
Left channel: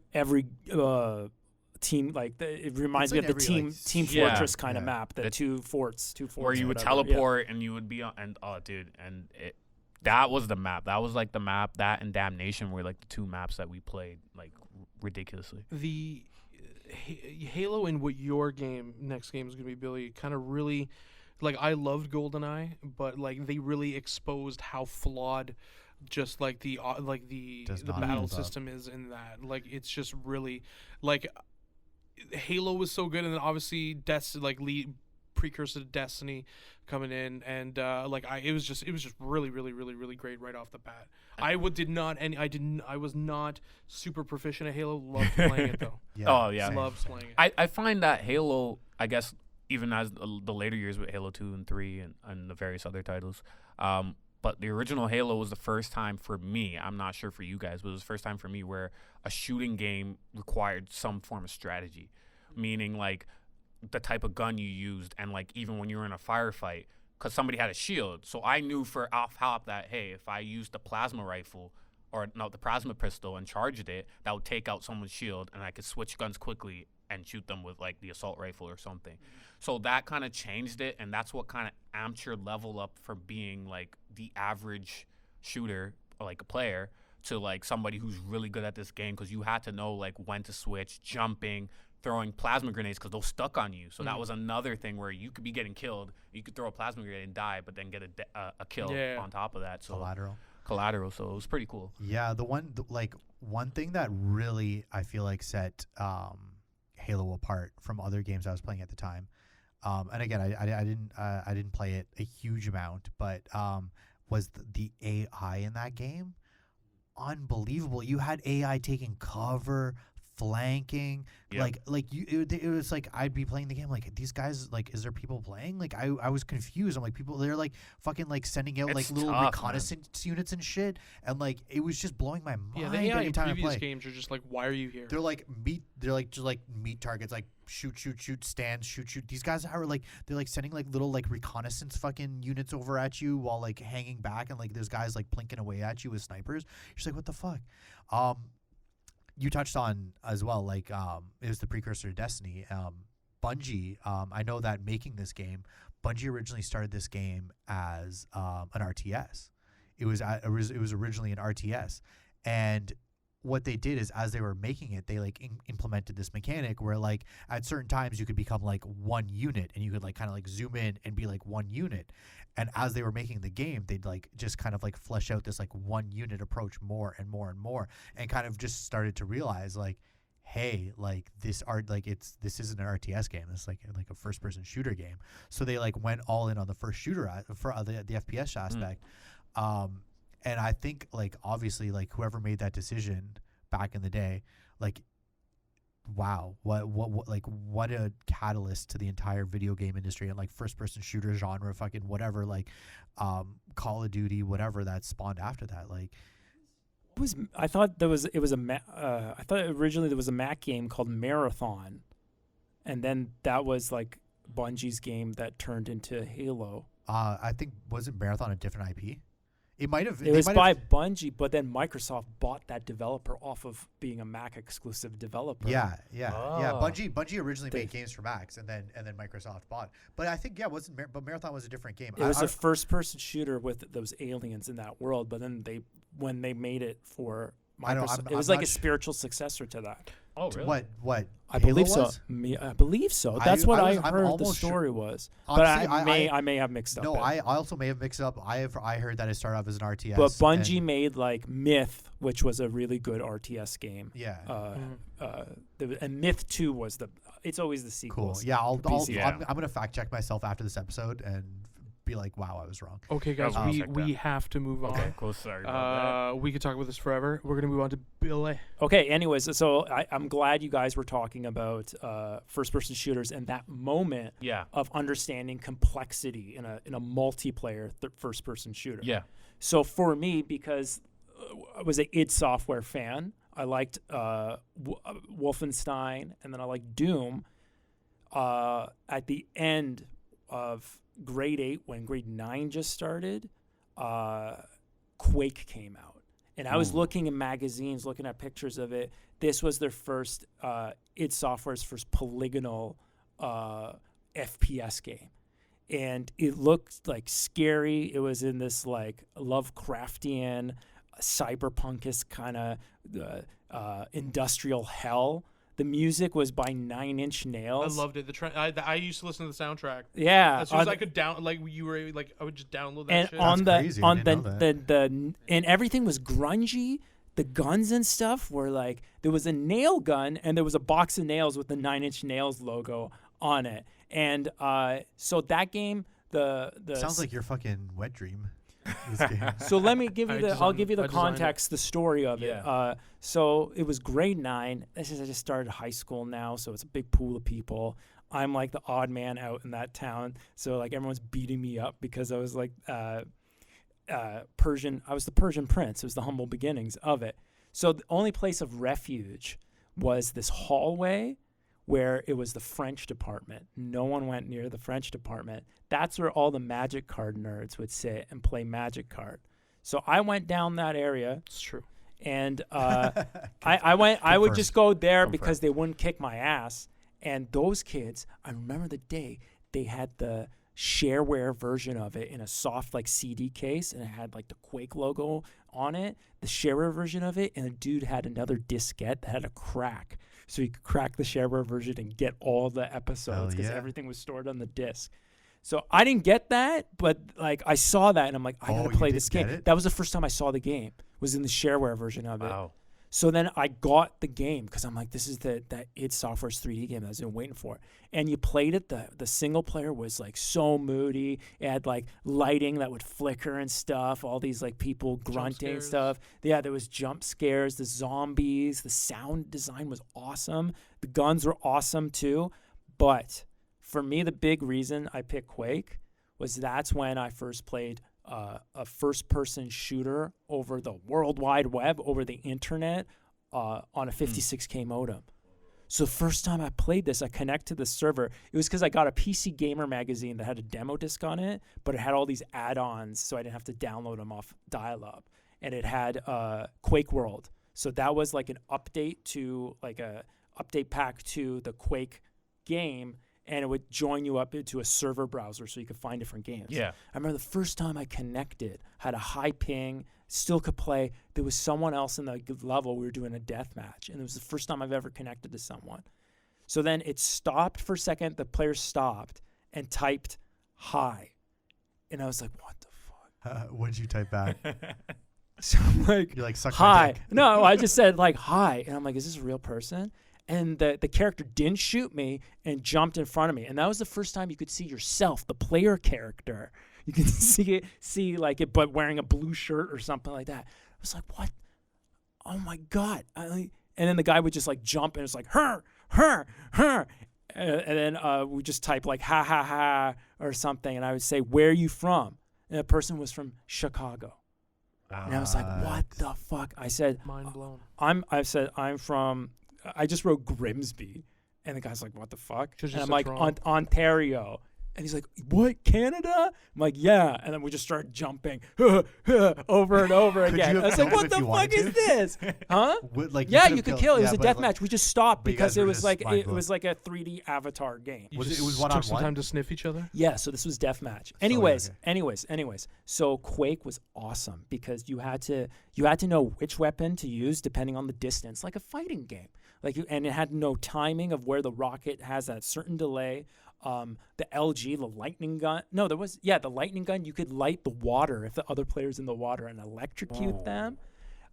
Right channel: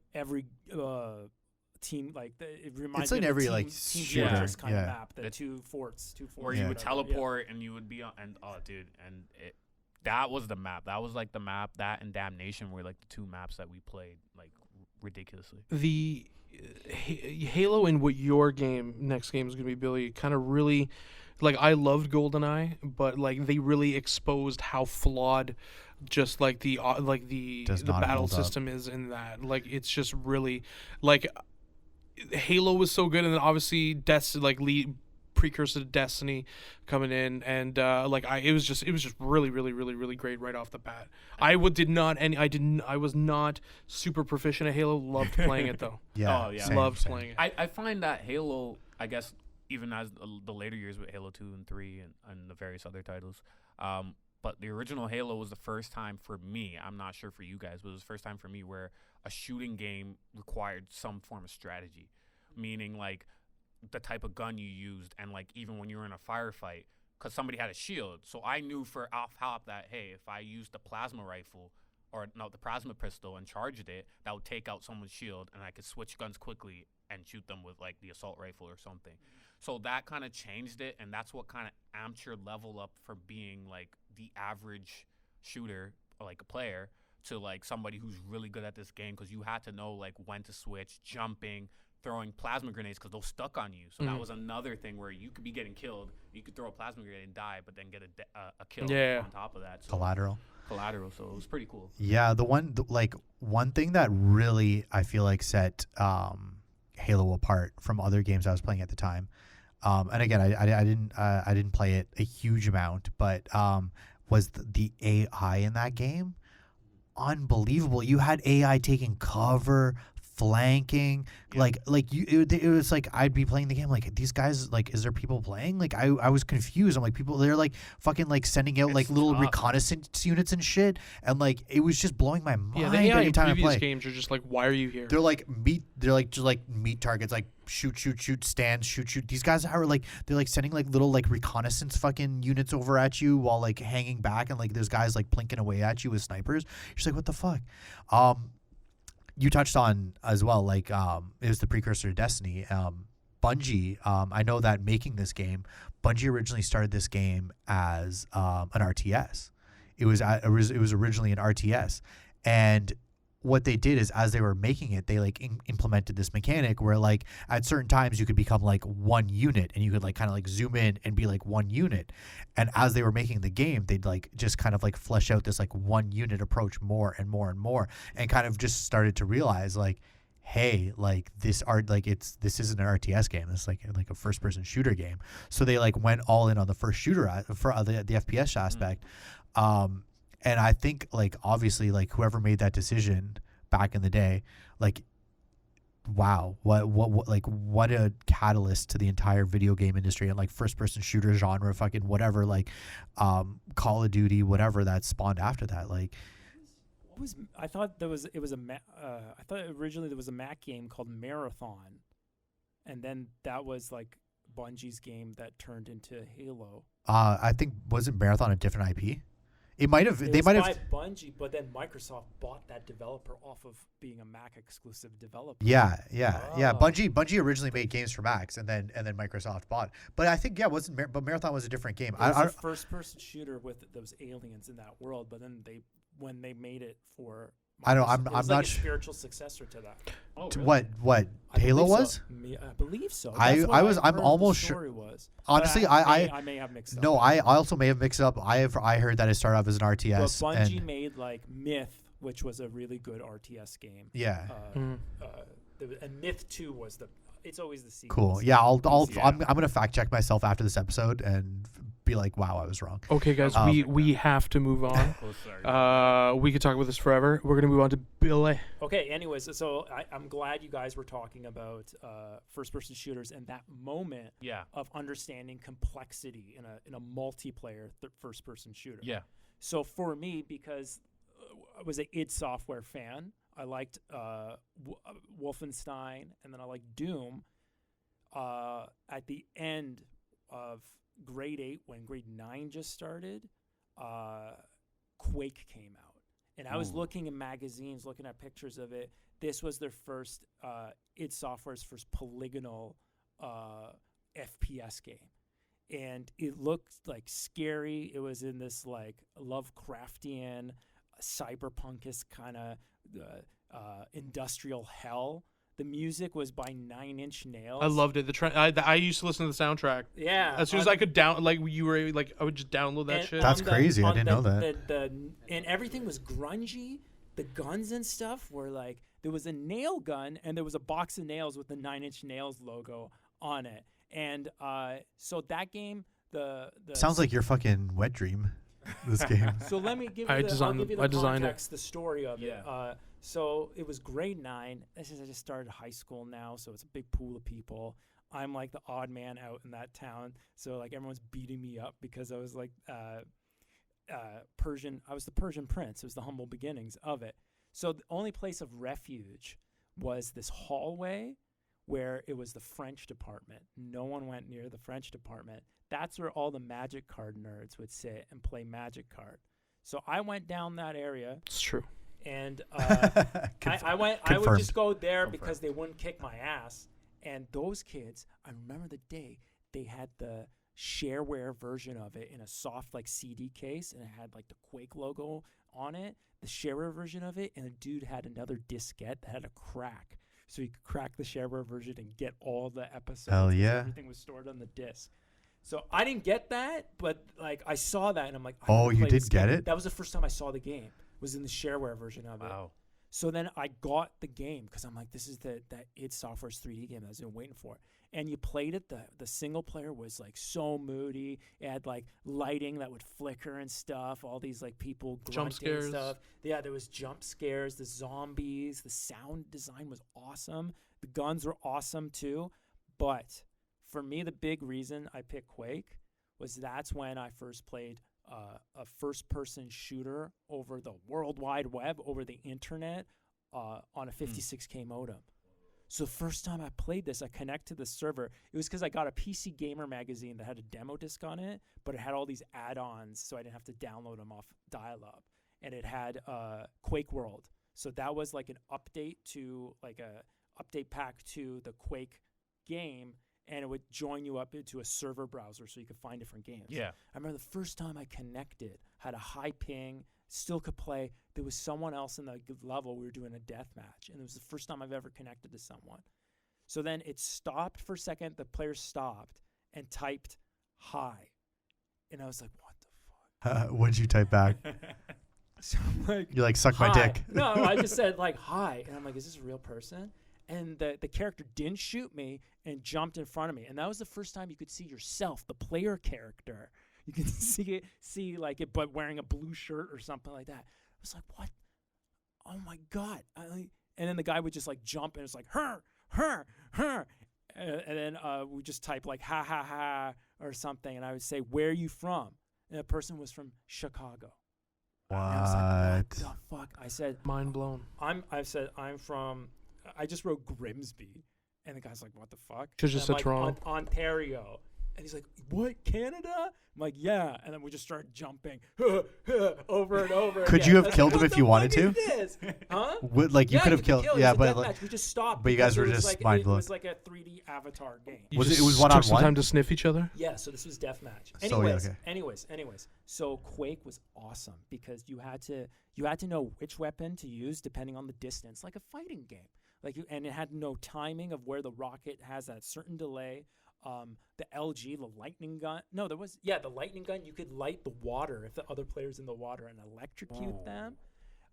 team. Like it reminds me like of the every, team like, team yeah. fortress kind of Yeah. map. The two forts. where you would whatever. teleport and you would be on, and oh dude, and that was the map. That was like the map. That and Damnation were like the 2 maps that we played like ridiculously. The Halo and what your next game is going to be, Billy, kind of really, like, I loved GoldenEye, but like they really exposed how flawed just like the battle hold up. system is in that. Like it's just really like Halo was so good, and then obviously lead precursor to Destiny coming in, and it was just really great right off the bat. I was not super proficient at Halo. Loved playing it though. Oh yeah, Loved playing it. I find that Halo, I guess, even as the later years with Halo 2 and 3 and the various other titles, but the original Halo was the first time for me, I'm not sure for you guys, but it was the first time for me where a shooting game required some form of strategy, meaning like the type of gun you used, and like even when you were in a firefight, because somebody had a shield. So I knew for off hop that, hey, if I used the plasma rifle, or no, the plasma pistol and charged it, that would take out someone's shield, and I could switch guns quickly and shoot them with like the assault rifle or something. So that kind of changed it, and that's what kind of amped your level up from being like the average shooter, or like a player, to like somebody who's really good at this game, because you had to know like when to switch, jumping, throwing plasma grenades, because those stuck on you. So that was another thing where you could be getting killed, you could throw a plasma grenade and die, but then get a kill on top of that. So collateral. So it was pretty cool. Yeah, one thing that really I feel like set Halo apart from other games I was playing at the time, and again I didn't play it a huge amount, but was the AI in that game. Unbelievable. You had AI taking cover, flanking, like it was like I'd be playing the game like, these guys, like, is there people playing? Like I was confused. I'm like, people, they're like fucking like sending out like little reconnaissance units and shit, and like it was just blowing my mind. Yeah, the AI in previous games are just like, why are you here? They're like just like meat targets, like shoot, stand, shoot. These guys are like, they're like sending like little like reconnaissance fucking units over at you while like hanging back, and like there's guys like plinking away at you with snipers. You're just like, what the fuck? You touched on as well, like it was the precursor to Destiny. Bungie, I know that making this game, Bungie originally started this game as an RTS. It was originally an RTS, and what they did is, as they were making it, they like implemented this mechanic where like at certain times you could become like one unit, and you could like kind of like zoom in and be like one unit. And as they were making the game, they'd like just kind of like flesh out this like one unit approach more and more and more, and kind of just started to realize like, hey, like this this isn't an RTS game. It's like a first person shooter game. So they like went all in on the first shooter for the FPS aspect. And I think like obviously like whoever made that decision back in the day, like, wow, what a catalyst to the entire video game industry and like first person shooter genre, fucking whatever, like Call of Duty, whatever that spawned after that. Like, I thought I thought originally there was a Mac game called Marathon, and then that was like Bungie's game that turned into Halo. I think, wasn't Marathon a different IP? It might have. It was by Bungie, but then Microsoft bought that developer off of being a Mac exclusive developer. Yeah. Bungie originally made games for Macs, and then Microsoft bought. But I think but Marathon was a different game. It was a first person shooter with those aliens in that world. But then when they made it for Microsoft, I don't. It was like a spiritual successor to that. Oh, really? What I Halo believe was? So. I believe so. That's what I heard almost the story was. Honestly, but I may have mixed up. No, I also may have mixed up. I heard that it started off as an RTS. But Bungie made like Myth, which was a really good RTS game. Yeah. And Myth 2 was it's always the sequel. Cool. Yeah, I'm gonna fact check myself after this episode and be like, wow, I was wrong. Okay, guys, we have to move on. We could talk about this forever. We're gonna move on to Billy. Okay. Anyways, so I'm glad you guys were talking about first-person shooters and that moment of understanding complexity in a multiplayer first-person shooter. Yeah. So for me, because I was an id Software fan, I liked Wolfenstein, and then I liked Doom. At the end of grade 8, when grade 9 just started, Quake came out. And I was looking in magazines, looking at pictures of it. This was their first, id Software's first polygonal FPS game. And it looked like scary. It was in this like Lovecraftian, cyberpunkish kind of industrial hell. The music was by 9 Inch Nails. I loved it. I used to listen to the soundtrack. Yeah. As soon as I could I would just download that shit. That's crazy. I didn't know that. And everything was grungy. The guns and stuff were like, there was a nail gun and there was a box of nails with the 9 Inch Nails logo on it. And so that game, the sounds like your fucking wet dream. This game. So let me give you I'll give you the context, the story of it. So it was grade 9. I just started high school now, so it's a big pool of people. I'm like the odd man out in that town, so like everyone's beating me up because I was like Persian. I was the Persian prince. It was the humble beginnings of it. So the only place of refuge was this hallway where it was the French department. No one went near the French department. That's where all the Magic card nerds would sit and play Magic card. So I went down that area. It's true. And I would just go there because they wouldn't kick my ass. And those kids, I remember the day they had the shareware version of it in a soft like CD case, and it had like the Quake logo on it, the shareware version of it, and a dude had another diskette that had a crack. So you could crack the shareware version and get all the episodes because everything was stored on the disc. So I didn't get that, but like I saw that and I'm like, I'm gonna play this game. That was the first time I saw the game. Was in the shareware version of it. Wow. So then I got the game because I'm like, this is that id Software's 3D game that I've been waiting for. And you played it. The single player was like so moody. It had like lighting that would flicker and stuff. All these like people grunting and stuff. Yeah, there was jump scares, the zombies, the sound design was awesome. The guns were awesome too. But for me, the big reason I picked Quake was that's when I first played a first-person shooter over the World Wide Web, over the internet, on a 56K modem. So first time I played this, I connect to the server. It was because I got a PC Gamer magazine that had a demo disc on it, but it had all these add-ons, so I didn't have to download them off dial-up. And it had Quake World. So that was like an update to, like a update pack to the Quake game, and it would join you up into a server browser so you could find different games. Yeah. I remember the first time I connected, had a high ping, still could play. There was someone else in the level. We were doing a death match, and it was the first time I've ever connected to someone. So then it stopped for a second. The player stopped and typed hi. And I was like, what the fuck? What'd you type back? So I'm like, You like suck hi. my dick. No, I just said like hi. And I'm like, is this a real person? And the character didn't shoot me and jumped in front of me. And that was the first time you could see yourself, the player character. You could see like it, but wearing a blue shirt or something like that. I was like, what? Oh my God. And then the guy would just like jump and it's like, her. And then we just type like, ha, ha, ha, or something. And I would say, where are you from? And the person was from Chicago. And I was like, what the fuck? I said, Mind blown. I'm from, I just wrote Grimsby. And the guy's like, what the fuck? Should've And just I'm said like, Toronto. Ontario. And he's like, what, Canada? I'm like, yeah. And then we just start jumping over and over Could again. you have I was killed like, him if you wanted what the fuck is this? Huh? Like, Yeah, could've you could kill. It was a but, death like, match. We just stopped but you guys because it were was just like mind it blown. was like a 3D avatar game. You Was it- just it was took some one-on-one? time to sniff each other? Yeah, so this was deathmatch. okay. Anyways. So Quake was awesome because you had to know which weapon to use depending on the distance, like a fighting game. And it had no timing of where the rocket has that certain delay. The LG, the lightning gun. No, the lightning gun. You could light the water if the other player's in the water and electrocute them.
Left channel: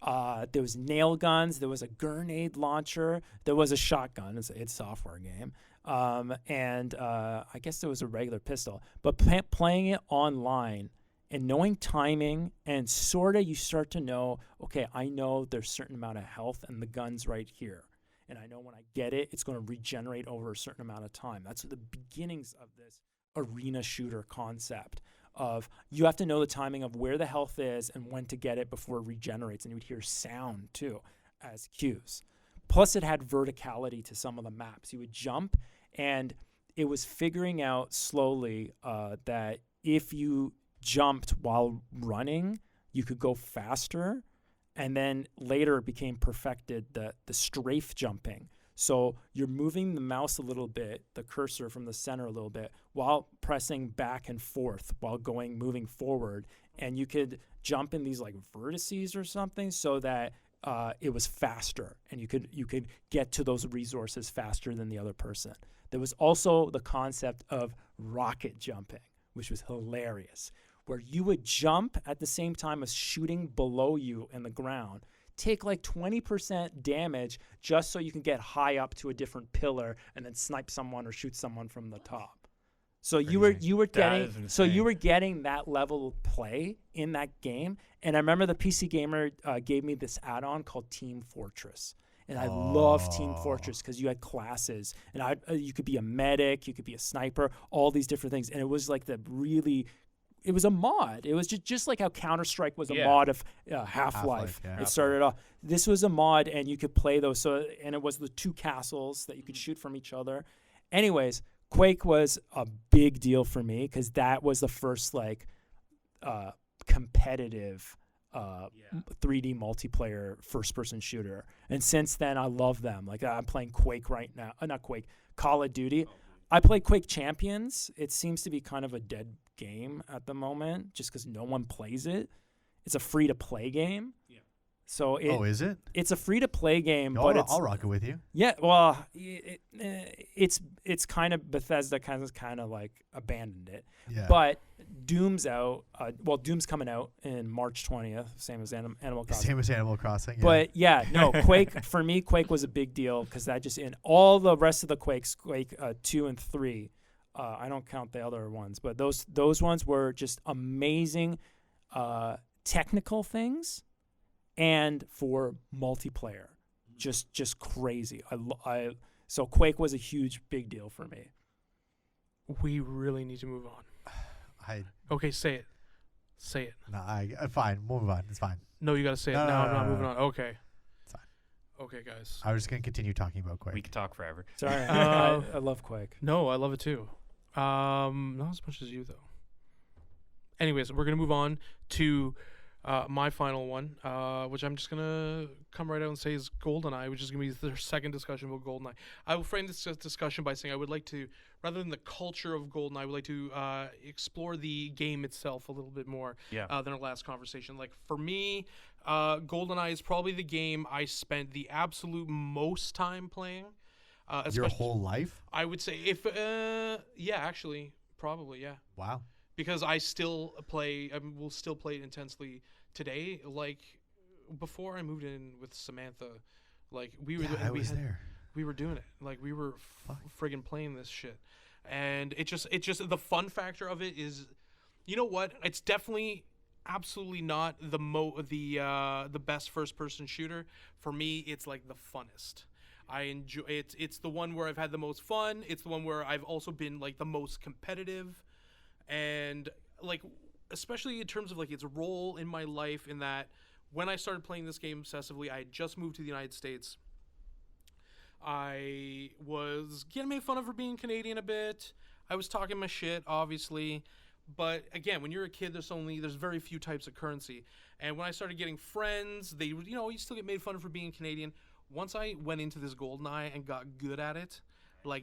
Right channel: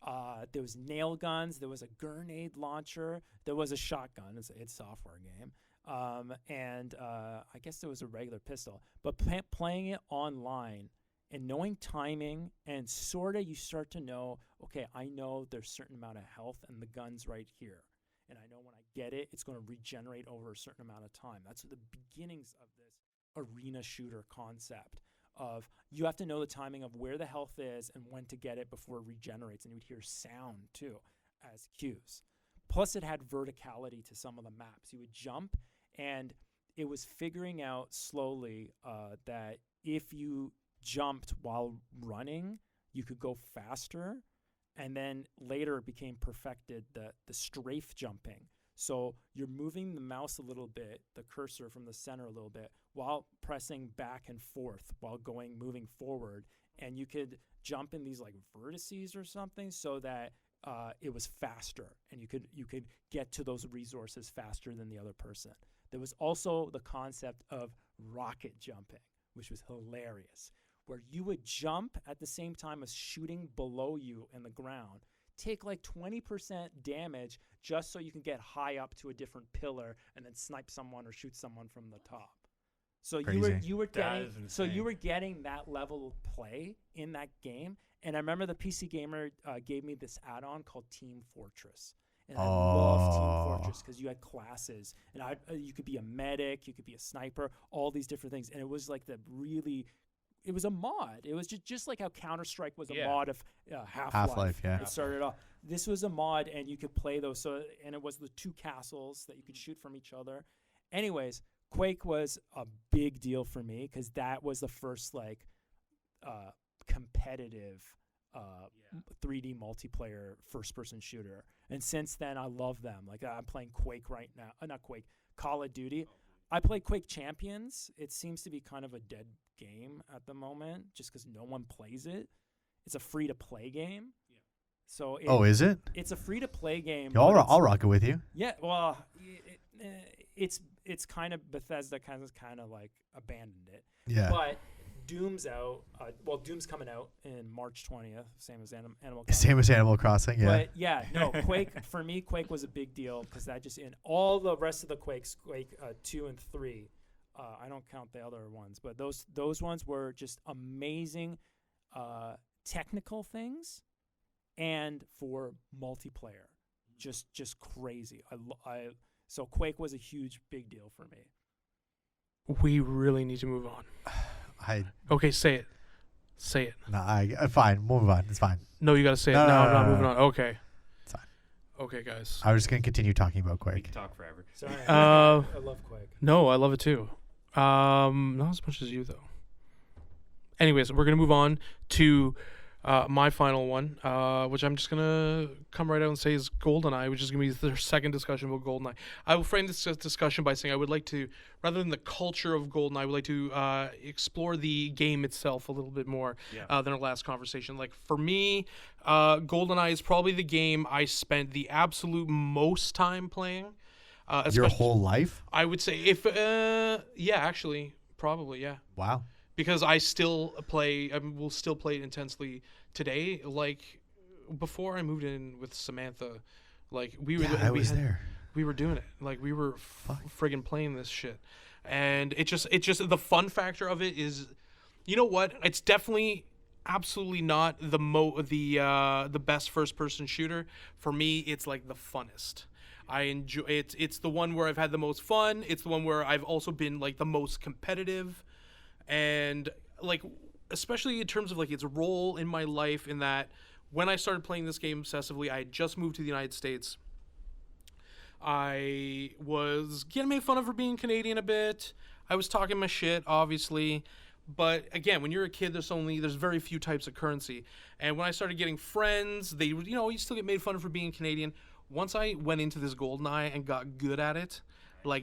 There was nail guns. There was a grenade launcher. There was a shotgun. It's a software game. And I guess there was a regular pistol. But playing it online and knowing timing and sort of you start to know, okay, I know there's a certain amount of health and the gun's right here. And I know when I get it, it's going to regenerate over a certain amount of time. That's the beginnings of this arena shooter concept of you have to know the timing of where the health is and when to get it before it regenerates. And you would hear sound, too, as cues. Plus, it had verticality to some of the maps. You would jump, and it was figuring out slowly that if you jumped while running, you could go faster. And then later it became perfected the strafe jumping. So you're moving the mouse a little bit, the cursor from the center a little bit, while pressing back and forth while moving forward. And you could jump in these like vertices or something so that it was faster and you could get to those resources faster than the other person. There was also the concept of rocket jumping, which was hilarious, where you would jump at the same time as shooting below you in the ground, take like 20% damage just so you can get high up to a different pillar and then snipe someone or shoot someone from the top. So you were getting that level of play in that game. And I remember the PC Gamer gave me this add-on called Team Fortress. And I love Team Fortress because you had classes, and you could be a medic, you could be a sniper, all these different things. And it was like it was a mod. It was just like how Counter-Strike was a mod of Half-Life. Yeah. It started off. This was a mod, and you could play those. And it was the two castles that you could shoot from each other. Anyways, Quake was a big deal for me because that was the first competitive 3D multiplayer first-person shooter. And since then, I love them. Like I'm playing Quake right now. Not Quake, Call of Duty. I play Quake Champions. It seems to be kind of a dead game at the moment just because no one plays it. It's a free-to-play game. Yeah. So is it? It's a free-to-play game. No, but I'll rock it with you. Yeah, well, it's kind of Bethesda kind of like abandoned it. Yeah. But Doom's out. Doom's coming out in March 20th, same as Animal Crossing. Same as Animal Crossing. Yeah. But yeah, no, Quake for me, Quake was a big deal because that just in all the rest of the Quakes, Quake 2 and 3. I don't count the other ones, but those ones were just amazing technical things, and for multiplayer, just crazy. So Quake was a huge big deal for me. We really need to move on. Okay, say it. Say it. No, fine. Move on. It's fine. No, you gotta say it. No, I'm not moving on. Okay. It's fine. Okay, guys. I was just gonna continue talking about Quake. We can talk forever. Sorry, I love Quake. No, I love it too. Not as much as you though. Anyways, we're gonna move on to my final one, which I'm just gonna come right out and say is GoldenEye, which is gonna be the second discussion about GoldenEye. I will frame this discussion by saying I would like to, rather than the culture of GoldenEye, I would like to explore the game itself a little bit more than our last conversation. Like for me, GoldenEye is probably the game I spent the absolute most time playing. Your whole life? I would say actually, probably, yeah. Wow. Because I still play, will still play it intensely today. Like before I moved in with Samantha, like we were, we were doing it. Like we were friggin' playing this shit, and it just the fun factor of it is, you know what? It's definitely absolutely not the best first person shooter. For me, it's like the funnest. I enjoy it. It's the one where I've had the most fun. It's the one where I've also been like the most competitive. And like, especially in terms of like its role in my life, in that when I started playing this game obsessively, I had just moved to the United States. I was getting made fun of for being Canadian a bit. I was talking my shit, obviously. But again, when you're a kid, there's very few types of currency. And when I started getting friends, you still get made fun of for being Canadian. Once I went into this GoldenEye and got good at it,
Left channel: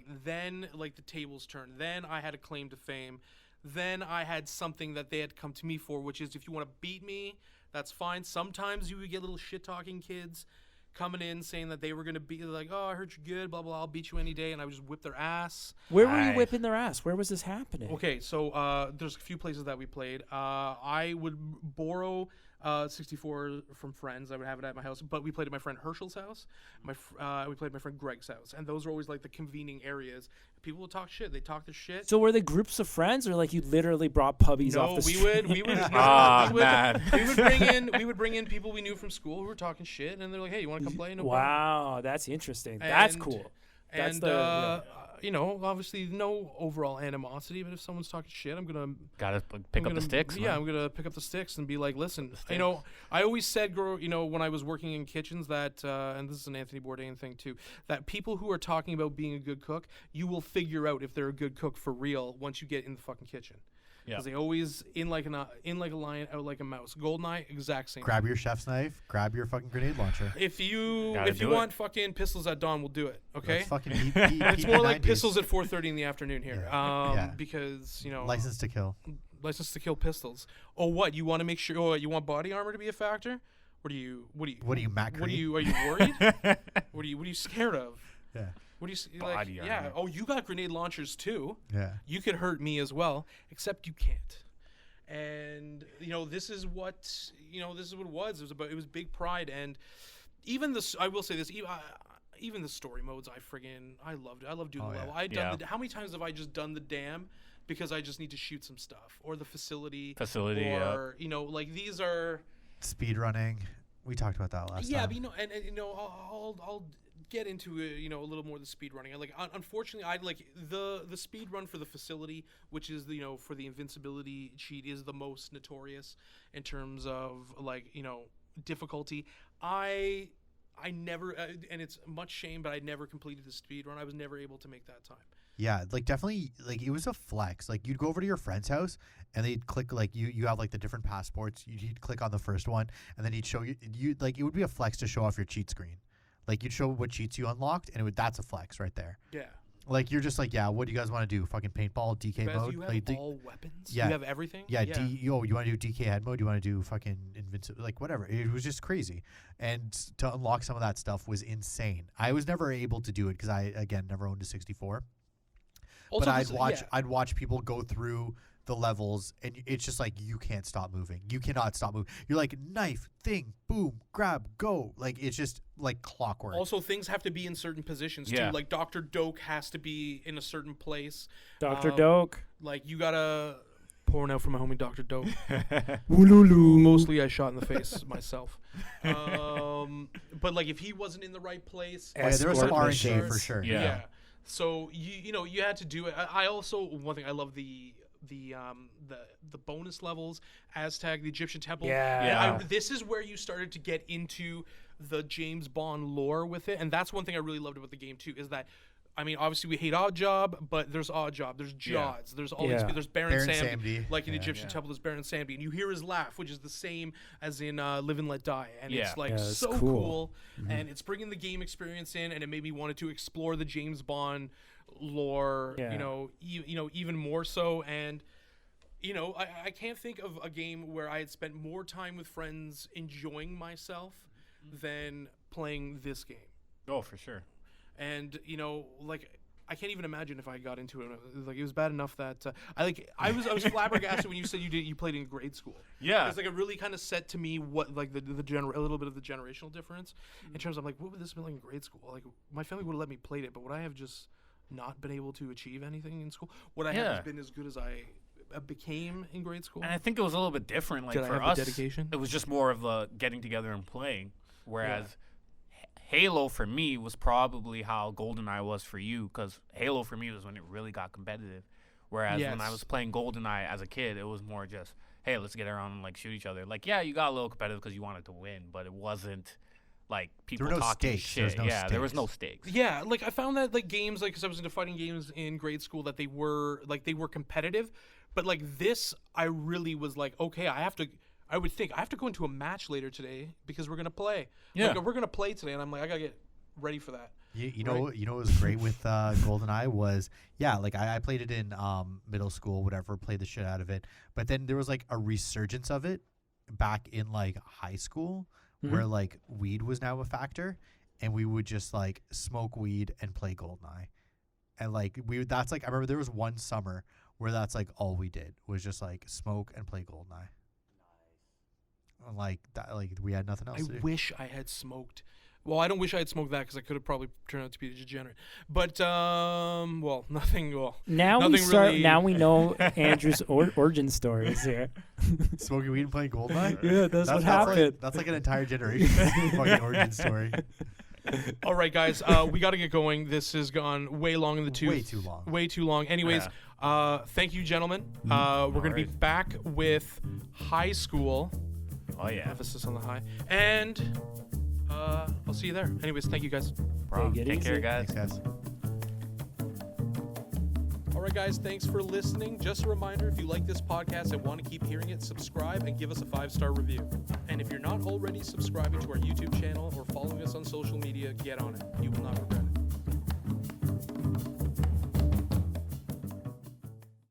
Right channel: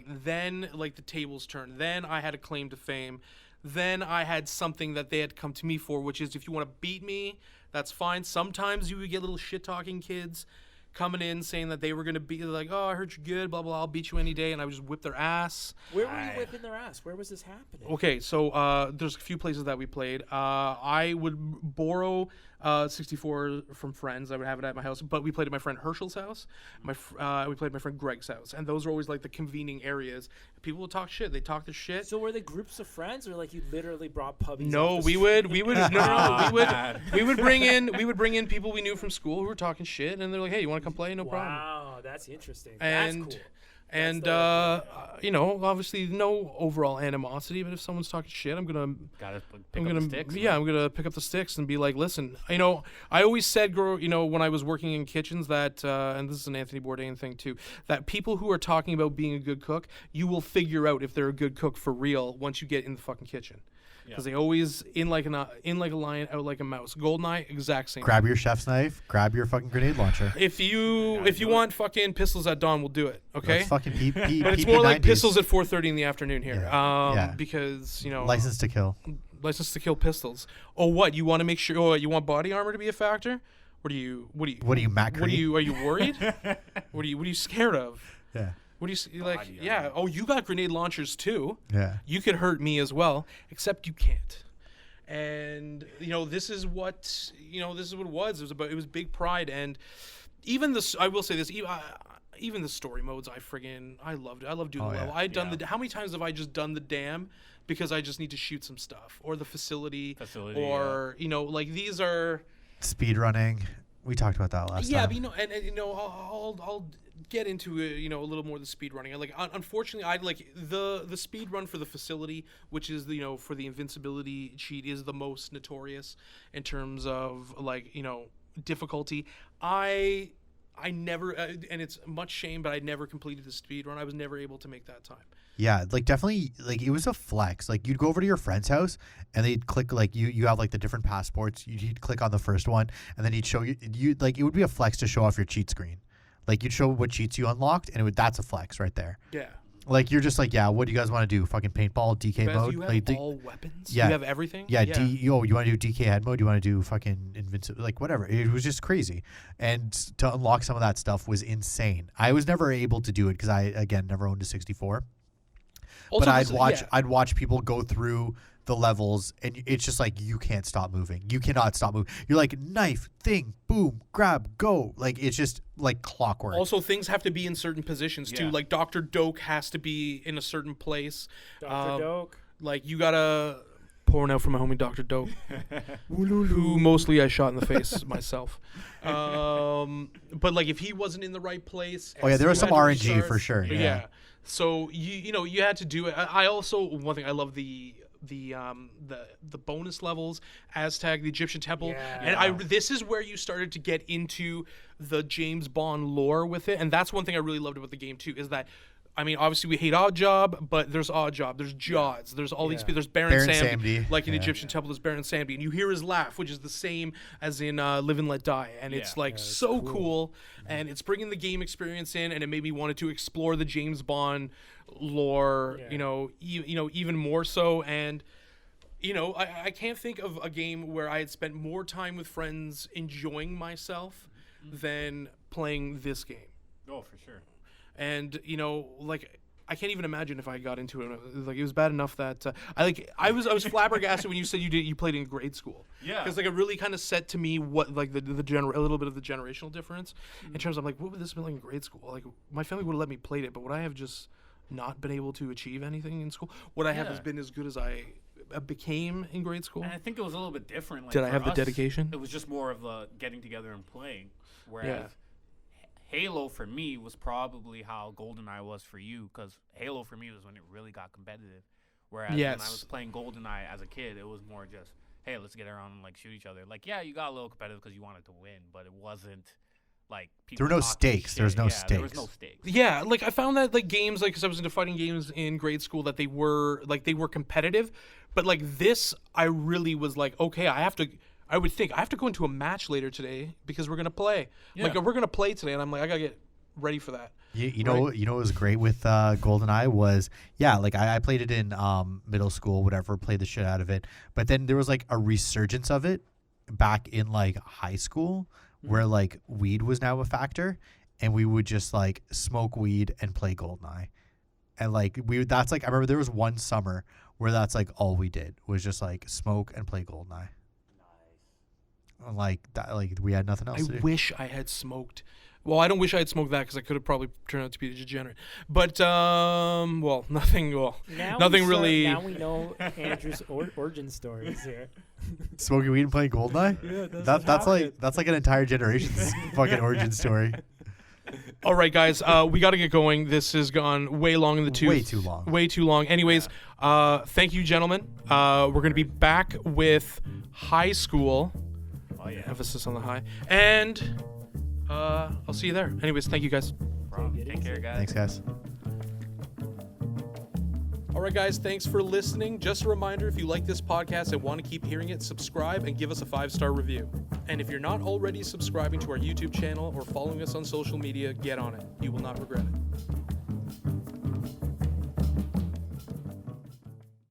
then the tables turned. Then I had a claim to fame. Then I had something that they had come to me for, which is if you want to beat me, that's fine. Sometimes you would get little shit-talking kids coming in saying that they were going to be like, oh, I heard you're good, blah, blah, I'll beat you any day, and I would just whip their ass. Where were you whipping their ass? Where was this happening? Okay, so there's a few places that we played. I would borrow 64 from friends. I would have it at my house, but we played at my friend Herschel's house. We played at my friend Greg's house, and those are always like the convening areas. People would talk shit. They talk their shit. So were they groups of friends, or like you literally brought puppies? No, off the we street? would we would bring in people we knew from school who were talking shit, and they're like, hey, you want to come play? No problem. Wow, that's interesting. That's cool. And obviously no overall animosity, but if someone's talking shit, I'm gonna pick up the sticks. Yeah, I'm gonna pick up the sticks and be like, listen, I always said, when I was working in kitchens that, and this is an Anthony Bourdain thing too, that people who are talking about being a good cook, you will figure out if they're a good cook for real once you get in the fucking kitchen. Because they always in like a lion, out like a mouse. GoldenEye, exact same. Grab your chef's knife. Grab your fucking grenade launcher. If you want fucking pistols at dawn, we'll do it. Okay. Let's fucking but it's more like pistols at 4:30 in the afternoon here. Because license to kill. License to kill pistols. Oh, what you want to make sure? Oh, you want body armor to be a factor? What are you, Matt Are you worried? What are you scared of? Yeah. What do you see? Like, yeah. Oh, you got grenade launchers too. Yeah. You could hurt me as well, except you can't. And this is what it was. It was big pride, and even this. I will say this. Even the story modes, I loved it. I love doing the level. How many times have I just done the dam because I just need to shoot some stuff, or the facility, or these are speed running. We talked about that last time. Yeah, but I'll get into a little more of the speed running. Unfortunately, I like the speed run for the facility, which is for the invincibility cheat, is the most notorious in terms of difficulty. I never, and it's much shame, but I never completed the speed run. I was never able to make that time. Yeah, definitely, it was a flex. You'd go over to your friend's house, and they'd click, you have, the different passports. You'd click on the first one, and then he'd show you, it would be a flex to show off your cheat screen. You'd show what cheats you unlocked, and that's a flex right there. Yeah. You're just yeah, what do you guys want to do? Fucking paintball, DK mode? You have all weapons? Yeah. You have everything? Yeah, you want to do DK head mode? You want to do fucking invincible? Whatever. It was just crazy. And to unlock some of that stuff was insane. I was never able to do it because I, again, never owned a 64. Also, but I'd watch people go through the levels, and it's just like you can't stop moving. You cannot stop moving. You're like knife, thing, boom, grab, go. Like it's just like clockwork. Also, things have to be in certain positions too. Yeah. Like Dr. Doak has to be in a certain place. Dr. Doak. Like you gotta pouring out for my homie Dr. Doak. Who mostly I shot in the face myself. But like if he wasn't in the right place, Oh yeah, there was some you had to RNG restart. for sure. But yeah. So you had to do it. I also, one thing I love the bonus levels, Aztec, the Egyptian temple, and this is where you started to get into the James Bond lore with it, and that's one thing I really loved about the game too, is that, I mean, obviously we hate Odd Job, but there's Odd Job, there's Jaws, there's all these people, there's Baron Samedi, like in Egyptian temple, there's Baron Samedi, and you hear his laugh, which is the same as in Live and Let Die, and it's like it's so cool. And it's bringing the game experience in, and it made me wanted to explore the James Bond lore, even more so. And I can't think of a game where I had spent more time with friends enjoying myself than playing this game. Oh, for sure. And like I can't even imagine if I got into it. Like it was bad enough that I was flabbergasted when you said you played in grade school. Yeah. Because like it really kind of set to me what like a little bit of the generational difference in terms of like what would this have been like in grade school? Like my family would have let me play it, but would I have just not been able to achieve anything in school? Would I have been as good as I became in grade school? And I think it was a little bit different. Like, Did I for have the us, dedication? It was just more of a getting together and playing. Whereas Halo for me was probably how GoldenEye was for you, because Halo for me was when it really got competitive. Whereas when I was playing GoldenEye as a kid, it was more just, hey, let's get around and like shoot each other. Like, yeah, you got a little competitive because you wanted to win, but it wasn't like people. There were no stakes. Shit. There was no yeah, stakes. There was no stakes. Yeah, like I found that like games, like because I was into fighting games in grade school, that they were competitive, but like this, I really was like, okay, I would think I have to go into a match later today because we're gonna play. Yeah. Like we're gonna play today, and I'm like, I gotta get ready for that. You know what was great with GoldenEye was like I played it in middle school, whatever, played the shit out of it. But then there was like a resurgence of it back in like high school, where like weed was now a factor, and we would just like smoke weed and play GoldenEye, and like that's like I remember there was one summer where that's like all we did was just like smoke and play GoldenEye. Like that, like we had nothing else to do. Wish I had smoked. Well, I don't wish I had smoked that because I could have probably turned out to be a degenerate. But nothing. Well, nothing really. Now we know Andrew's origin stories here. Smoking weed and playing GoldenEye. Yeah, that's what happened. That's like an entire generation's fucking origin story. All right, guys, we got to get going. This has gone way long in the tooth. Way too long. Anyways, thank you, gentlemen. We're gonna be back with high school. Oh yeah. Emphasis on the high. And I'll see you there. Anyways, thank you guys. Take care, guys. Thanks, guys. All right, guys, thanks for listening. Just a reminder, if you like this podcast and want to keep hearing it, subscribe and give us a 5-star review. And if you're not already subscribing to our YouTube channel or following us on social media, get on it. You will not regret it.